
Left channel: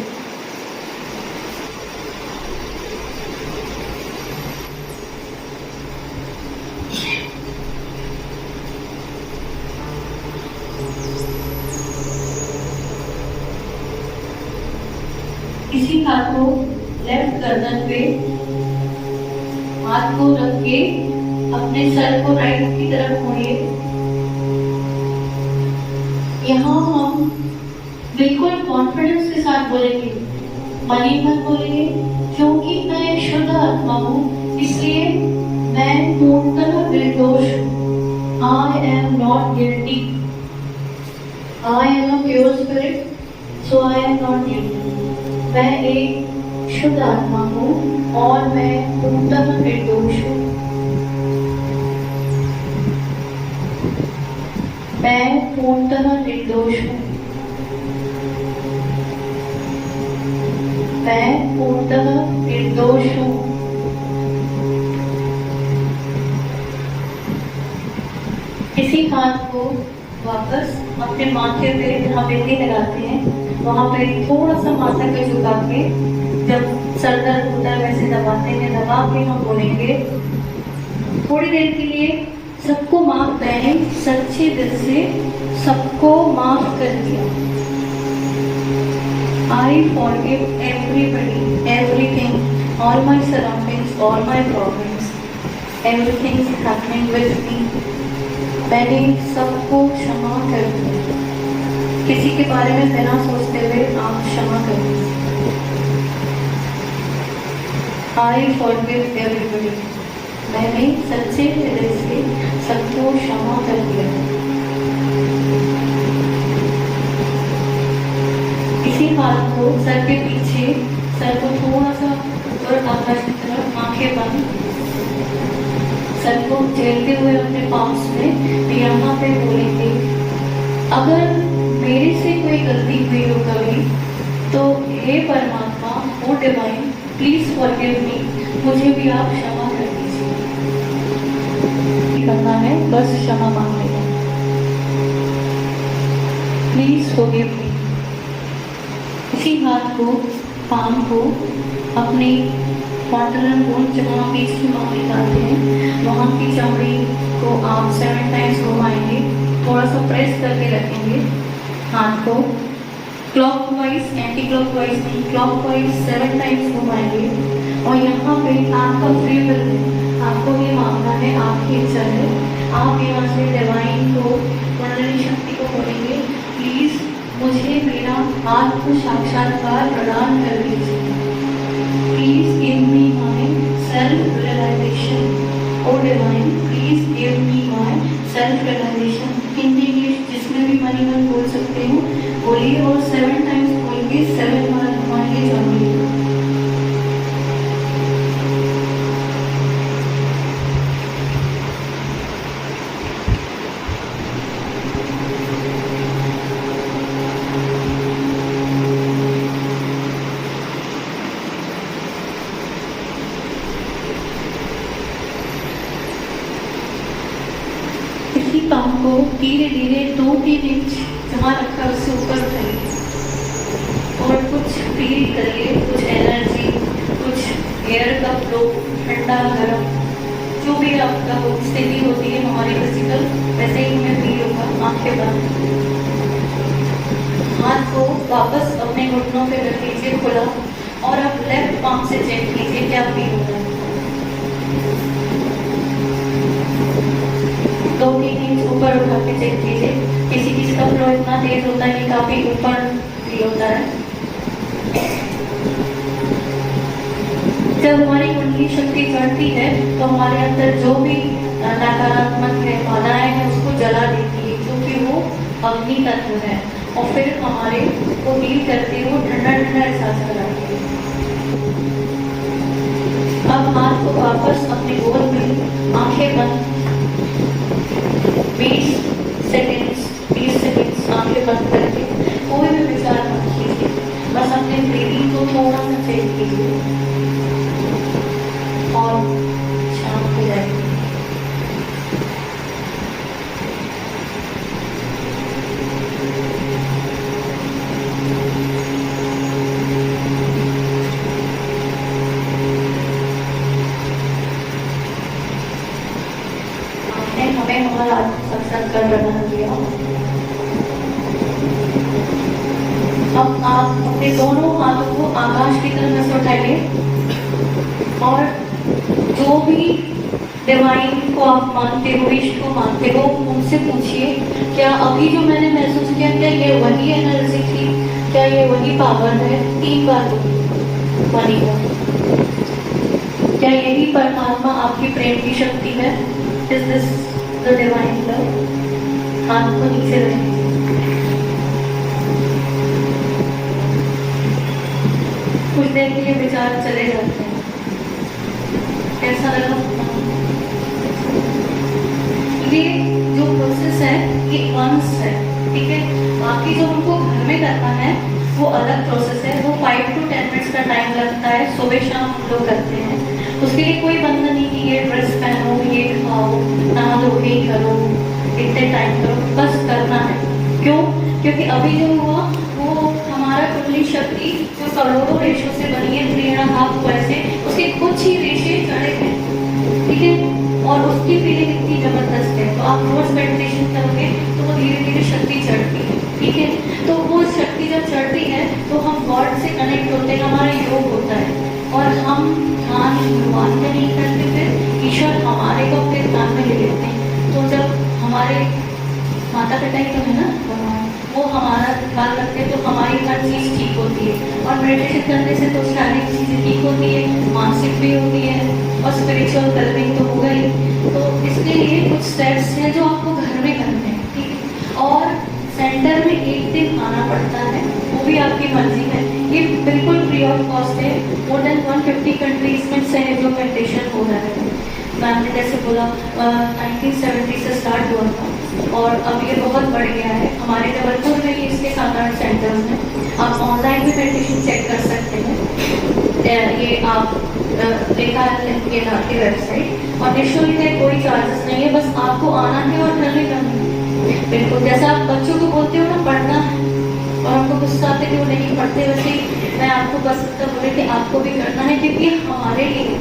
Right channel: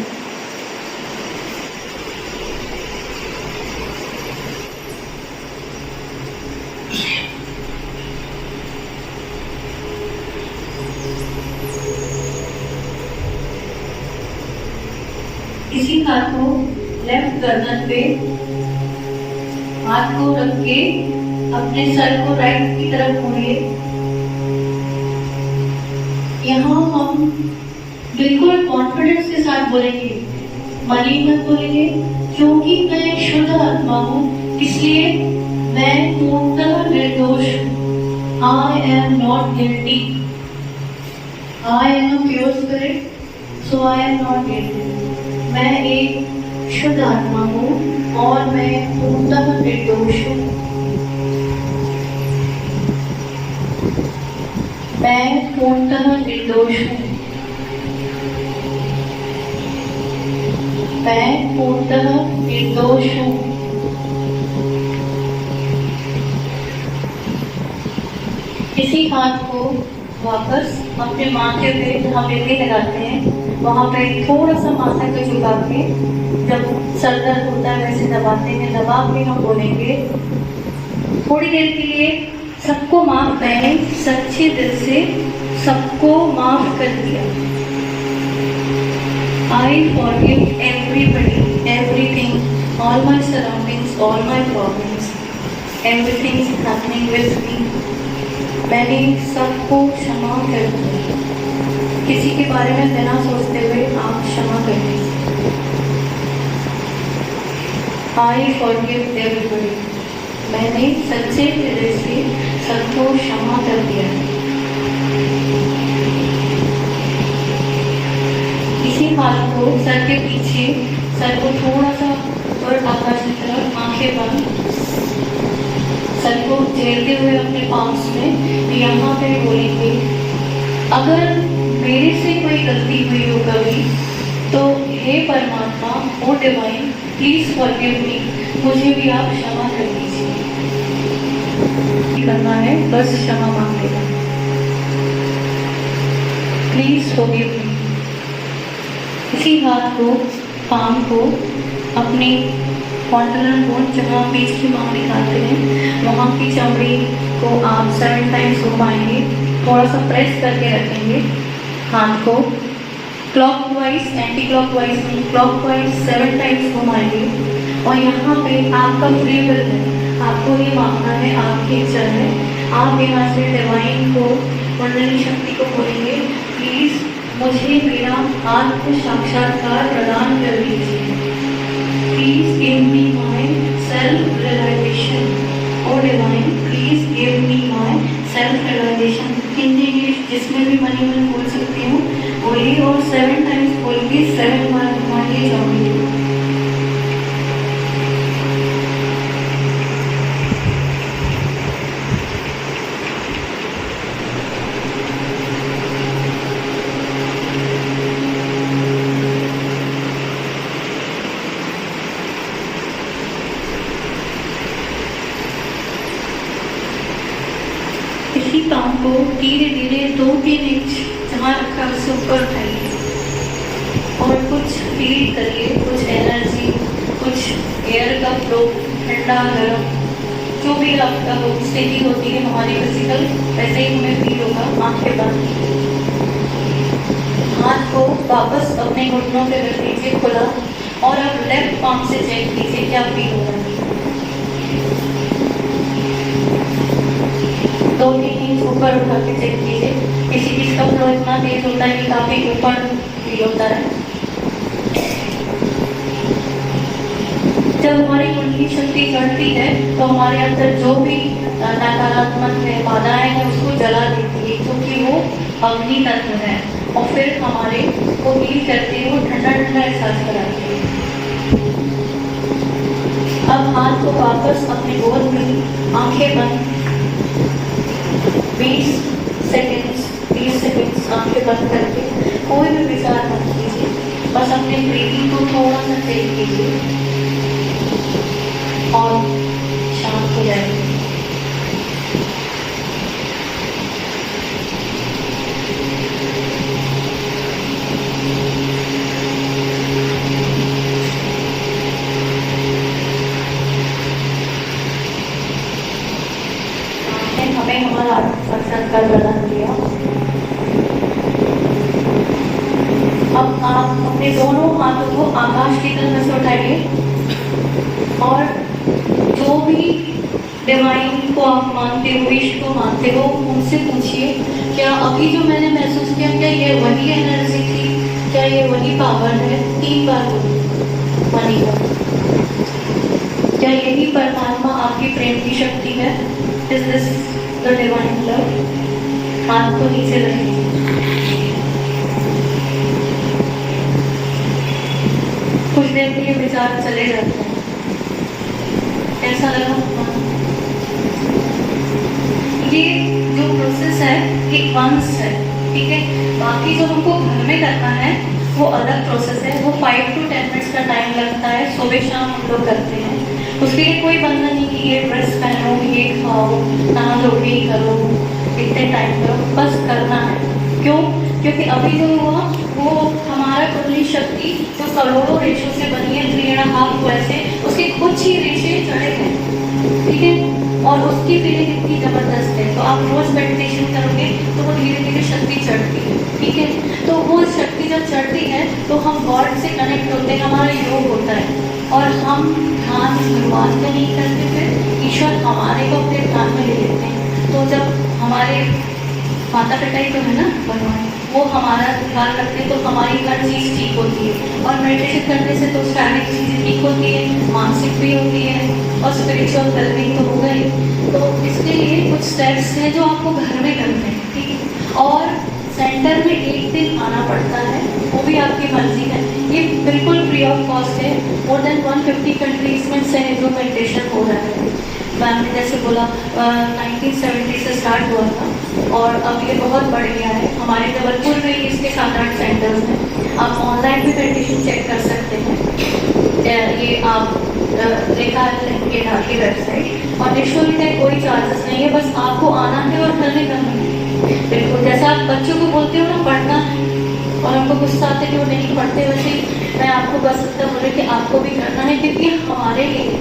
इसी हाथ को लेफ्ट गर्दन पे हाथ को रख के अपने सर को राइट की तरफ मोड़िए। यहाँ हम बिल्कुल कॉन्फिडेंस के साथ बोलेंगे, मनी मत बोलेंगे, क्योंकि मैं एक शुद्ध आत्मा हूँ, इसलिए मैं पूर्णतः निर्दोष हूँ। I am not guilty. I am a pure spirit, so I am not guilty. मैं एक शुद्ध आत्मा हूँ और मैं पूर्णतः निर्दोष हूँ। मैं पूर्णतः निर्दोष हूँ। मैं पूर्णतः निर्दोष हूँ। इसी हाथ को वापस अपने माथे पे जहाँ बिंदी लगाते हैं वहाँ पे थोड़ा सा माथा को झुका के जब सर दर्द होता है वैसे दबाते हैं। दबा के हम बोलेंगे थोड़ी देर के लिए, सबको माफ मैंने सच्चे दिल से सबको माफ कर दिया। I forgive everybody, everything, all my surroundings, all my problems, everything is happening with me. मैंने सबको क्षमा कर दिया। किसी के बारे में बिना सोचते हुए आप क्षमा कर दीजिए। आई फॉरगिव एवरीबडी, मैंने सच्चे हृदय से सबको क्षमा कर दिया। इसी हाथ को सर के पीछे, सर को थोड़ा सा ऊपर आकाश की तरफ, आंखें बंद, सर को झेलते हुए अपने पाँव में यहाँ पे बोलेंगे, अगर मेरे से कोई गलती हुई हो कभी तो हे परमात्मा, ओ डिवाइन, प्लीज फॉरगिव मी, मुझे भी आप क्षमा कर दीजिए। करना है बस क्षमा मांग लेना। Please forgive me. इसी हाथ को, पाम को अपनी कॉन्टिनेंटल बोन जहाँ पीस की मांग निकालते हैं वहाँ की चमड़ी को आप 7 टाइम्स घुमाएंगे। थोड़ा सा प्रेस करके रखेंगे हाथ को, क्लॉकवाइज, एंटी क्लॉकवाइज नहीं, क्लॉकवाइज 7 टाइम्स घुमाएंगे। और यहाँ पे आपका फ्री विल है, आपको ये मांगना है, आपकी इच्छा है। आप यहाँ से डिवाइन को, कुंडलिनी शक्ति को बोलेंगे, प्लीज मुझे मेरा आत्म साक्षात्कार प्रदान कर दीजिए। Please give me my self realisation. ओ उसी पाँव को धीरे धीरे 2-3 इंच जहाँ रखा है उससे ऊपर उठाइए और कुछ फील करिए, कुछ एनर्जी, कुछ एयर का फ्लो, ठंडा गर्म, जो भी आपका स्थिति होती है हमारी फिजिकल, वैसे ही हमें फील होगा। आंखें बंद, हाथ को वापस अपने घुटनों पे रख लीजिए खुला और आप लेफ्ट पाम से चेक कीजिए क्या फील हो रहा है। 2-3 इंच ऊपर उठा के चेक कीजिए। किसी चीज का फ्लो इतना तेज होता है कि काफी ऊपर फील होता है। जब हमारी कुंडली शक्ति चढ़ती है तो हमारे अंदर जो भी नकारात्मक है, बाधाएं हैं, उसको जला देती है, क्योंकि वो अग्नि तत्व है और फिर हमारे को फील करते हुए ठंडा ठंडा एहसास कराती है। अब हाथ को वापस अपने गोद में, आंखें बंद, 20 सेकंड्स आंखें बंद करके कोई भी विचार मत कीजिए, बस अपने ब्रीदिंग को थोड़ा सा तेज कीजिए और शांत हो जाएगी। हमें हमारा साक्षात्कार प्रदान किया। अब आप अपने दोनों हाथों को आकाश की तरफ से उठाइए और जो भी डिवाइन को आप मानते हो, विश को मानते हो, उनसे पूछिए क्या अभी जो मैंने महसूस किया, क्या ये वही एनर्जी थी, क्या ये वही पावर है? 3 बार बनी हो। क्या यही परमात्मा आपकी प्रेम की शक्ति है? Is this the divine love? हाथ को नीचे रखिए। कुछ देर के लिए विचार चले जाते हैं। कैसा लगा? ये जो प्रोसेस है ये वंस है, ठीक है। बाकी जो हमको घर में करना है वो अलग प्रोसेस है, वो 5 to 10 मिनट्स का टाइम लगता है, सुबह शाम हम लोग करते हैं। उसके लिए कोई बंधन नहीं कि ये ड्रेस पहनो, ये खाओ, नहा धो के ही करो, इतने टाइम करो, बस करना है। क्यों? क्योंकि अभी जो हुआ वो हमारा कुंडली शक्ति जो करोड़ों रेशों से बनी है, 3.5 वैसे उसके कुछ ही रेशे चढ़े हैं, ठीक है, और उसकी फीलिंग इतनी जबरदस्त है। तो आप रोज मेडिटेशन करोगे तो वो धीरे धीरे शक्ति चढ़ती है, ठीक है। तो वो शक्ति जब चढ़ती है तो हम गॉड से कनेक्ट होते हैं, हमारा योग होता है और हम ध्यान शुरुआत में नहीं करते, फिर ईश्वर हमारे को अपने ध्यान में ले लेते हैं। तो जब हमारे माता पिता ही तो है ना भगवान, वो हमारा ध्यान रखते हैं तो हमारी हर चीज ठीक होती है। और मेडिटेशन करने से तो शारीरिक चीजें ठीक होती है, मानसिक भी होती है और स्पिरिचुअल वेलबींग तो होगा ही। तो इसके लिए कुछ स्टेप्स हैं जो आपको घर में करने हैं, ठीक है। और सेंटर में एक दिन आना पड़ता है, वो भी आपकी मर्जी है। ये बिल्कुल फ्री ऑफ कॉस्ट है। मोर देन 150 कंट्रीज में सहयोग मेडिटेशन हो रहा है। मैंने जैसे बोला 1970 से स्टार्ट हुआ था और अब ये बहुत बढ़ गया है। हमारे जबलपुर में ही इसके 7-8 सेंटर्स हैं। आप ऑनलाइन भी मेडिटेशन चेक कर सकते हैं। ये आप लिखा है की वेबसाइट और निःशुल्क है, कोई चार्जेस नहीं है, बस आपको आना है और करने का है। बिल्कुल जैसा आप बच्चों को बोलते हो ना पढ़ना है और हमको गुस्सा आते हैं वो नहीं पढ़ते, वैसे मैं आपको बस इतना बोल रही कि आपको भी करना है, क्योंकि हमारे लिए,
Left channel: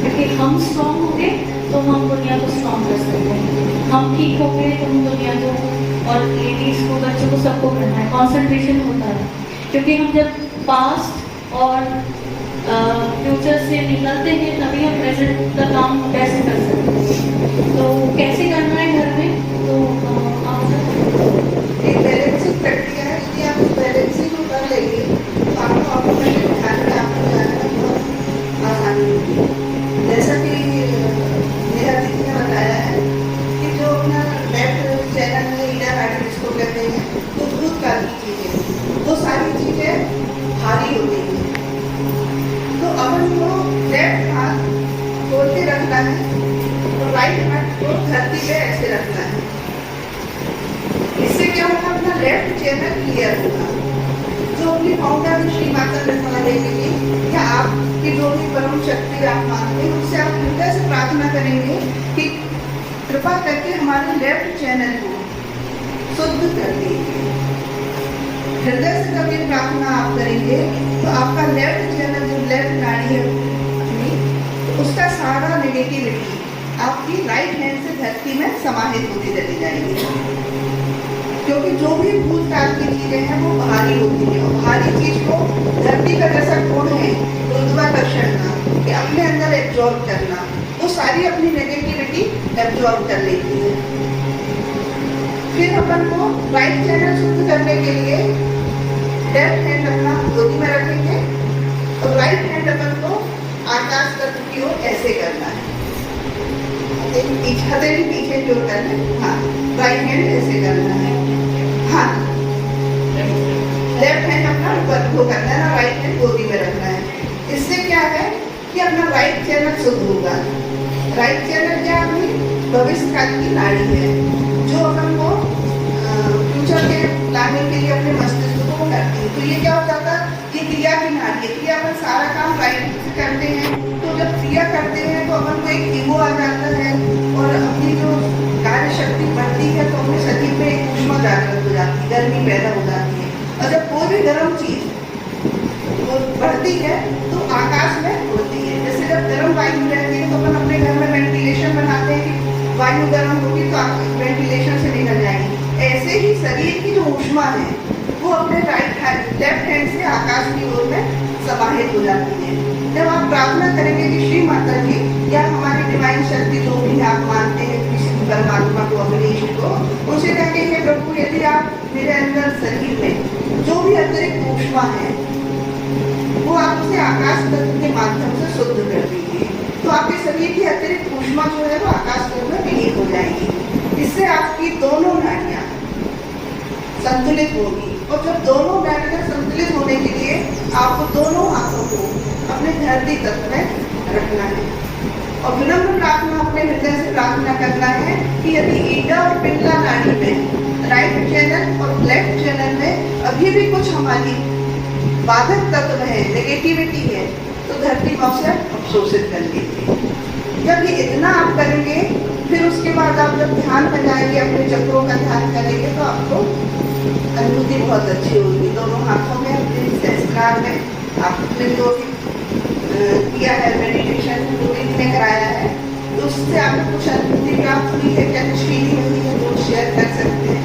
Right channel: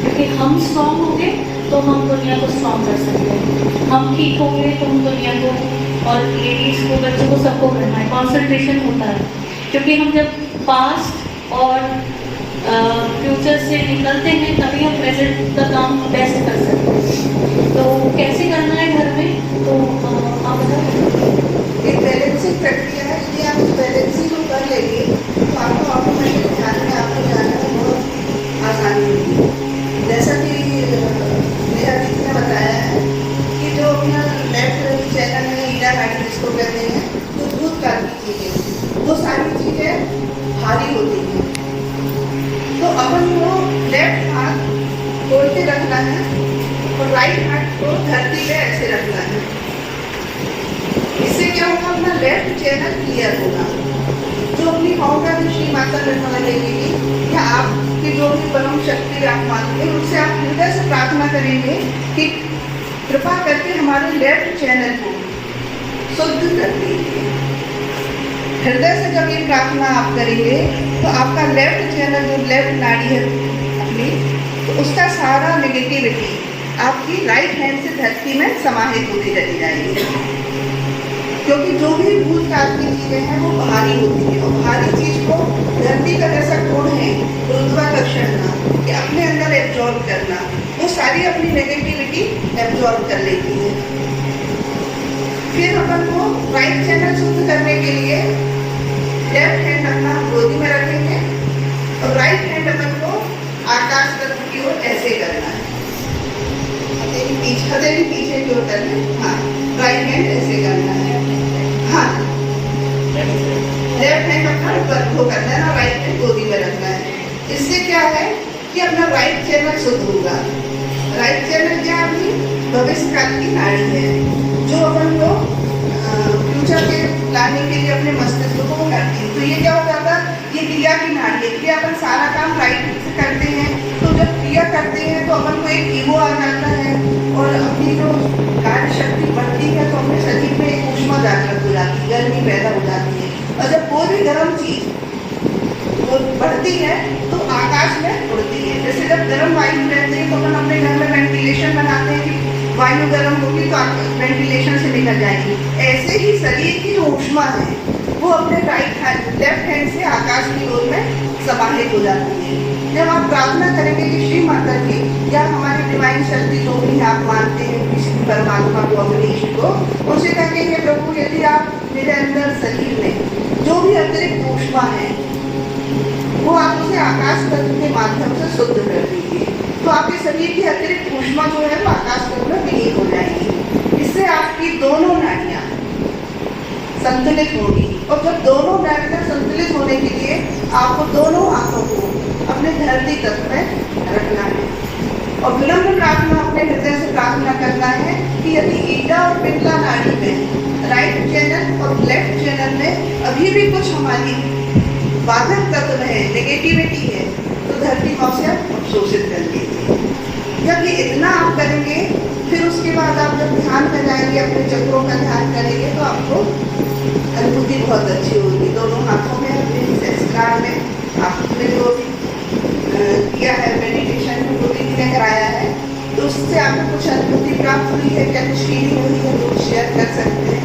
क्योंकि हम स्ट्रॉन्ग होंगे तो हम दुनिया को स्ट्रॉन्ग कर सकते हैं। हम ठीक होंगे तो हम दुनिया को और लेडीज को, बच्चों को, सबको करना है। कॉन्सेंट्रेशन होता है क्योंकि हम जब पास्ट और फ्यूचर से निकलते हैं तभी हम प्रेजेंट का काम कैसे कर सकते हैं। तो कैसे करना है घर में, तो आप ये बैलेंसिंग प्रक्रिया है। यदि आप उस बैलेंसिंग को कर लेंगे तो आपको ऑटोमेटिक ध्यान में आपको जाने में बहुत आसानी होगी। जैसा कि मेरा दीदी ने बताया है कि जो अपना लेफ्ट चैनल में ईटा गाड़ी जिसको कहते हैं, तो दूध का चीजें, वो सारी चीजें भारी होती हैं। तो अपन को लेफ्ट हाथ खोलते रखना है और राइट हाथ को धरती पे ऐसे रखना है। इससे क्या होगा, अपना लेफ्ट चैनल क्लियर होगा। जो अपनी फाउंडर श्री माता लक्ष्मी देवी की या आपकी जो भी परम शक्ति आप मानते हैं, उनसे आप हृदय से प्रार्थना करेंगे कि कृपा करके हमारे लेफ्ट चैनल को शुद्ध कर देंगे। हृदय से जब ये प्रार्थना आप करेंगे तो आपका लेफ्ट चैनल, जो लेफ्ट नाड़ी है अपनी, तो उसका सारा नेगेटिविटी आपकी राइट हैंड से धरती में समाहित होती चली जाएगी। क्योंकि जो भी भूतकाल की चीजें हैं वो बाहरी होती है, और बाहरी चीज को धरती का जैसा गुण है गुरुत्वाकर्षण का, कि अपने अंदर एब्जॉर्ब करना, वो सारी अपनी नेगेटिविटी एब्जॉर्ब कर लेती है। फिर अपन को राइट चैनल शुद्ध करने के लिए लेफ्ट हैंड अपना गोदी में रखेंगे और राइट हैंड अपन को आकाश तत्व की ओर ऐसे करना है, पीछे की ओर करना है। हाँ, राइट हैंड ऐसे करना है। हाँ, लेफ्ट हैंड अपना ऊपर को करना है, राइट हैंड गोदी में रखना है। इससे क्या है कि अपना राइट चैनल शुद्ध होगा। राइट चैनल क्या है? भविष्य काल की नाड़ी है, जो अपन को फ्यूचर के लाने के लिए अपने मस्तिष्क को करती है। तो ये क्या हो जाता है? ये क्रिया की नाड़ी है। क्रिया अपन सारा काम राइट से करते हैं, तो जब क्रिया करते हैं तो अपन को एक ईगो आ जाता है और अपनी जो कार्य शक्ति बढ़ती है, तो अपने शरीर में एक ऊष्मा जागृत हो जाती है, गर्मी पैदा हो जाती है। और जब कोई भी गर्म चीज वो बढ़ती है तो आकाश में उड़ती है। जैसे जब गर्म वायु रहती है तो अपन अपने घर में वेंटिलेशन बनाते हैं कि वायु गर्म होगी तो वेंटिलेशन से निकल जाएगी। ऐसे ही शरीर की जो ऊष्मा है वो अपने लेफ्ट हैंड से आकाश की ओर में समाहित हो जाती है। जब आप प्रार्थना करेंगे कि श्री माता जी या हमारी डिवाइन शक्ति जो भी आप मानते हैं, किसी भी परमात्मा को, अग्निश को, उनसे कहेंगे कि प्रभु यदि आप मेरे अंदर शरीर में जो भी अतिरिक्त ऊष्मा है वो आप उसे आकाश तत्व के माध्यम से शुद्ध कर दीजिए, तो आपके शरीर की अतिरिक्त ऊष्मा जो है वो आकाश तत्व में विलीन हो जाएगी। इससे आपकी दोनों नाड़ियाँ संतुलित होगी। और जब दोनों नाड़ियाँ संतुलित होने के लिए आपको दोनों हाथों को अपने धरती तत्व में रखना है और विनम्र प्रार्थना अपने हृदय से प्रार्थना करना है कि यदि ईडा और पिंगला नाड़ी में, राइट चैनल और लेफ्ट चैनल में अभी भी कुछ हमारी बाधक तत्व है, नेगेटिविटी है, तो धरती को से अवशोषित कर लीजिए। जब ये इतना आप करेंगे, फिर उसके बाद आप जब ध्यान में जाएंगे, अपने चक्रों का ध्यान करेंगे, तो आपको अनुभूति बहुत अच्छी होगी। दोनों हाथों में अपने सहस्त्रार में आपने जो किया है मेडिटेशन, रूटीन में कराया है, तो उससे आपको कुछ अनुभूति प्राप्त हुई है क्या? कुछ फील हुई है तो शेयर कर सकते हैं,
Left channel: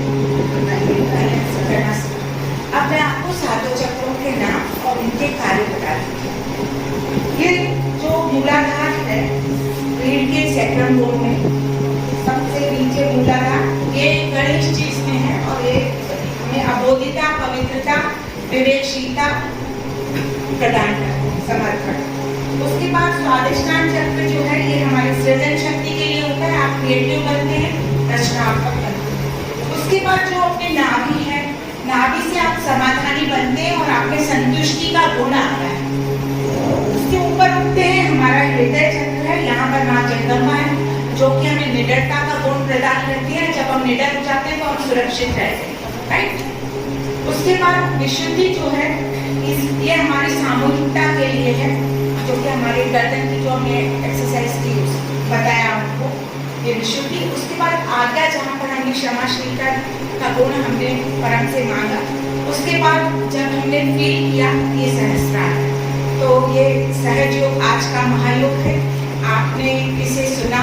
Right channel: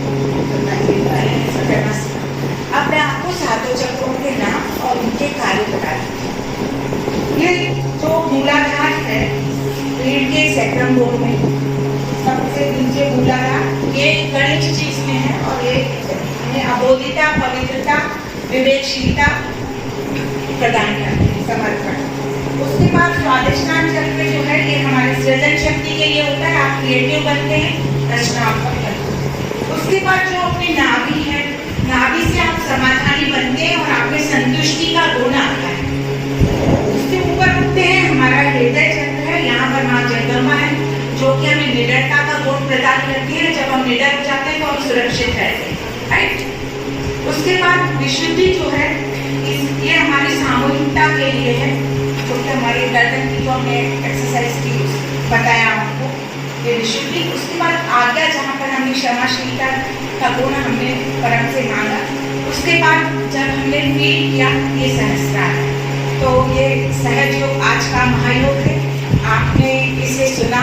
बताइए। अब मैं आपको सातों चक्रों के नाम और उनके कार्य बताती हूँ। ये जो मूलाधार है रीढ़ के सैक्रम बोर्ड में सबसे नीचे मूलाधार, ये गणित चीज में है और ये अबोधिता, पवित्रता, विवेकशीलता प्रदान करते हैं, समर्पण। उसके बाद स्वादिष्टान चक्र जो है ये हमारे सृजन शक्ति के लिए होता है, आप क्रिएटिव बनते हैं, रचनात्मक बनते हैं। उसके बाद जो अपनी नाभि है, नाभि से आप समाधानी बनते हैं और आपके संतुष्टि का गुण आता है। उसके ऊपर उठते हैं हमारा हृदय चक्र है, यहाँ पर माँ जगदम्बा है जो कि हमें निडरता का गुण प्रदान करती है। जब हम निडर हो जाते हैं तो हम सुरक्षित रहते हैं, राइट। उसके बाद विशुद्धि जो है ये हमारी सामूहिकता के लिए है, जो कि हमारी गर्दन की जो हमने एक्सरसाइज की बताया आपको, ये विशुद्धि। उसके बाद आज्ञा, जहाँ पर हमने क्षमाशीलता का गुण हमने परम से मांगा। उसके बाद जब हमने फील किया ये सहस्त्रार है, तो ये सहज योग आज का महायोग है। आपने इसे सुना,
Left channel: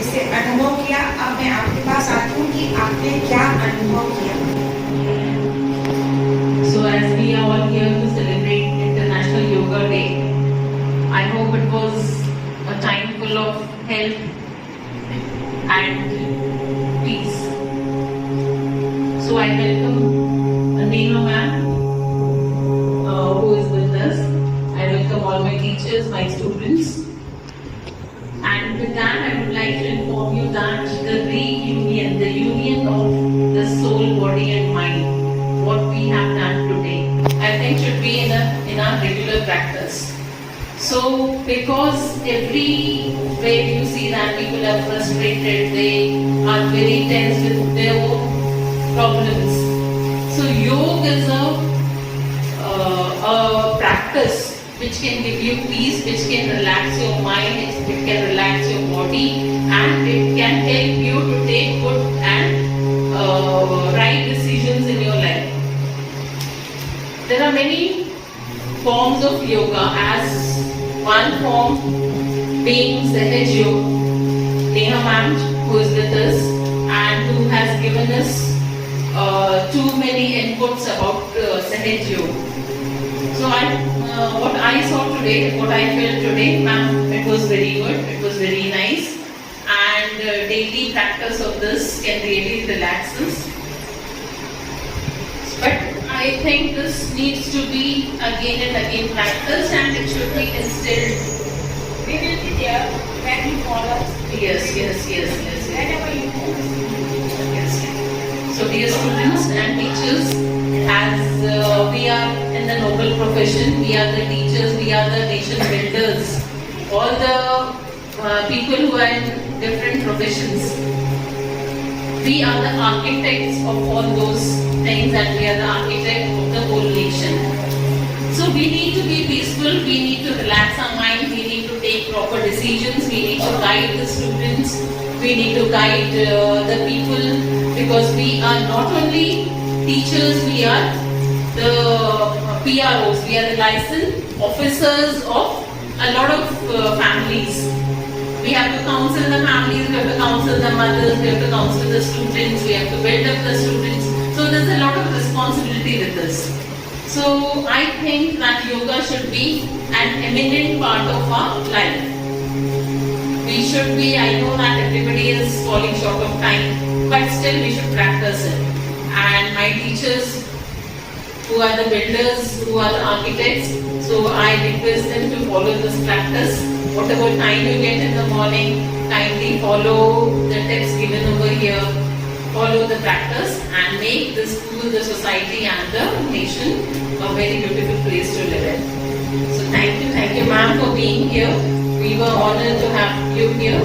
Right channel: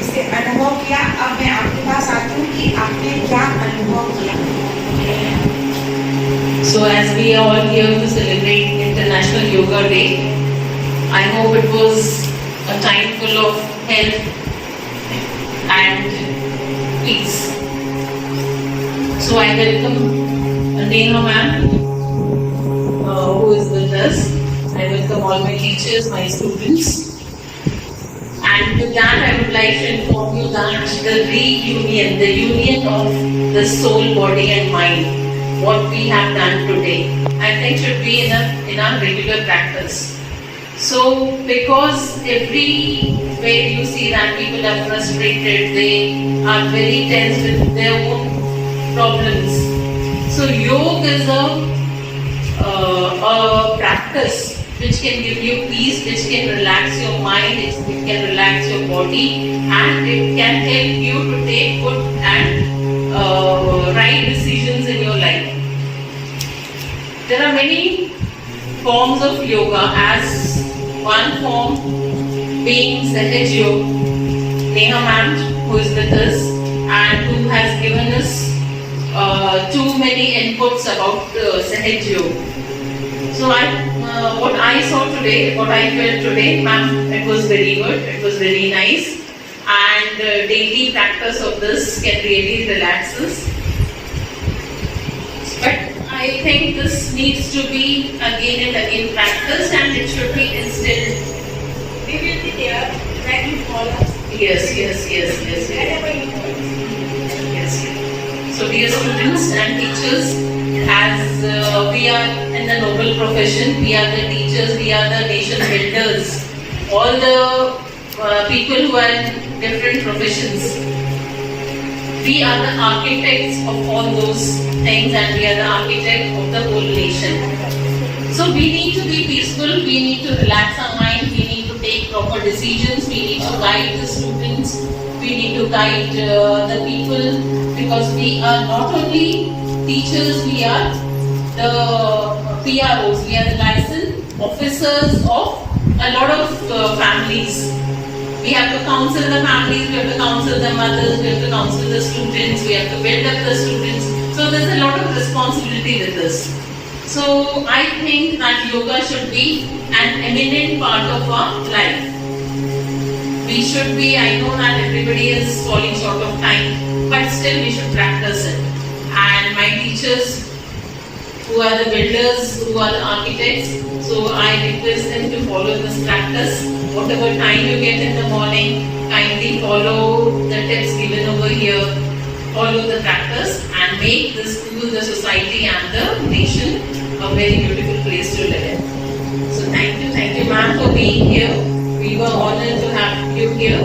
इसे अनुभव किया। अब मैं आपके पास आती हूँ कि आपने क्या अनुभव किया। So as we are all here to celebrate International Yoga Day, I hope it was a time full of health and peace. So I welcome Neha ma'am, who is with us. I welcome all my teachers, my students. And with that, I would like to inform you that the reunion, the union of the soul, body and mind, what we have done today, I think should be in our regular practice. So, because everywhere you see that people are frustrated, they are very tense with their own problems. So, yoga is a practice which can give you peace, which can relax your mind, it can relax your body, and it can help you to take good yoga as one form being Sahaj Yoga. Neha ma'am, who is with us and who has given us too many inputs about Sahaj Yoga. So what I saw today, what I felt today, ma'am, it was very good, it was very nice, and daily practice of this can really relax us. But I think this needs to be again and again practiced, and it should be instilled. We will be there when you follow. Yes. Whenever you follow. Yes. So dear students and teachers, as we are in the noble profession, we are the teachers, we are the nation builders, all the people who are in different professions. We are the architects of all those things, and we are the architect of the whole nation. So we need to be peaceful, we need to relax our mind, we need to take proper decisions, we need to guide the students, we need to guide the people, because we are not only teachers, we are the PROs, we are the licensed officers of a lot of families. We have to counsel the families, we have to counsel the mothers, we have to counsel the students, we have to build up the students. So there's a lot of responsibility with this. So I think that yoga should be an eminent part of our life. We should be, I know that everybody is falling short of time, but still we should practice it. And my teachers, who are the builders, who are the architects, so I request them to follow this practice. Whatever time you get in the morning, kindly follow the tips given over here, follow the practice, and make the school, the society and the nation a very beautiful place to live in. So thank you ma'am for being here. We were honored to have you here.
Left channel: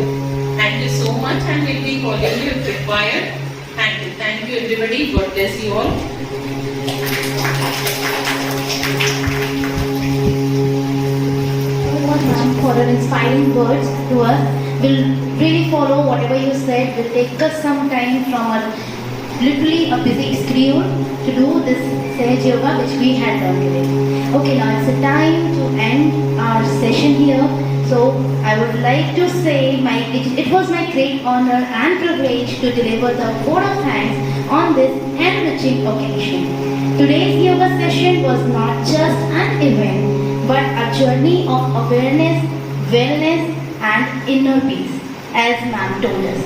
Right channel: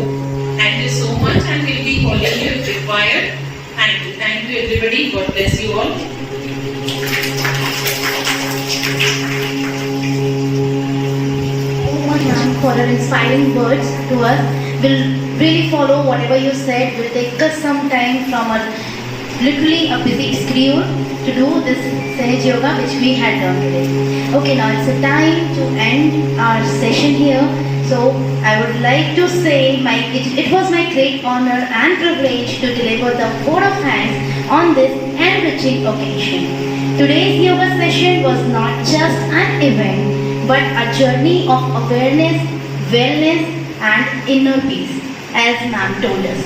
Thank you so much, and we'll be calling you if required. Thank you everybody. God bless you all. For your inspiring words to us. We'll really follow whatever you said. Will take us some time from our literally a busy schedule to do this Sahaj Yoga which we had done today. Okay, now it's a time to end our session here. So I would like to say it was my great honor and privilege to deliver the vote of thanks on this enriching occasion. Today's yoga session was not just an event, but a journey of awareness, wellness and inner peace, as ma'am told us.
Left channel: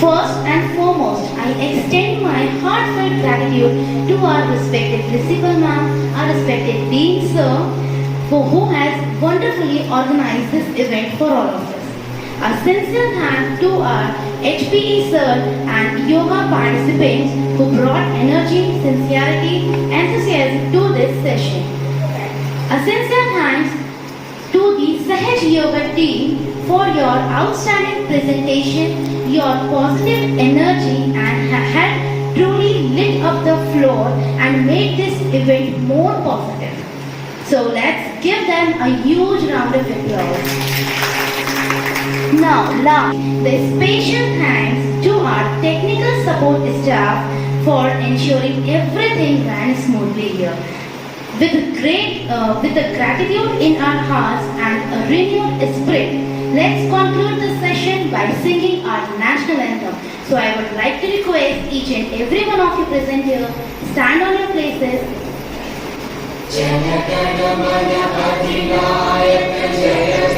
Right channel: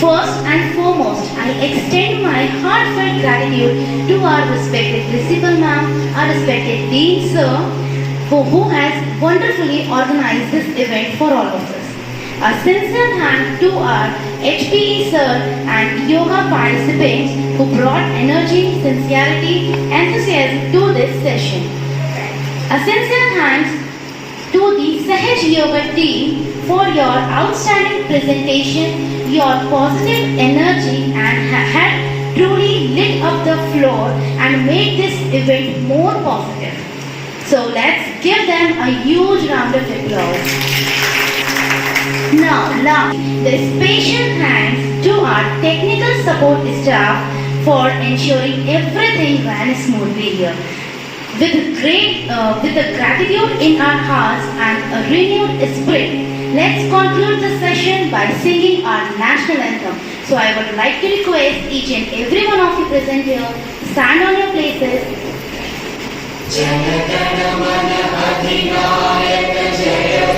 First and foremost, I extend my heartfelt gratitude to our respected principal ma'am, our respected dean sir, who has wonderfully organized this event for all of us. A sincere thanks to our HPE sir and yoga participants who brought energy, sincerity, enthusiasm to this session. A sincere thanks to the Sahaj Yoga team for your outstanding presentation, your positive energy and had truly lit up the floor and made this event more positive. So let's give them a huge round of applause. Now, last, the special thanks to our technical support staff for ensuring everything ran smoothly here. With the gratitude in our hearts and a renewed spirit, let's conclude the session by singing our national anthem. So I would like to request each and every one of you present here, stand on your places. Jana Gana Mana Adhinayaka Jaya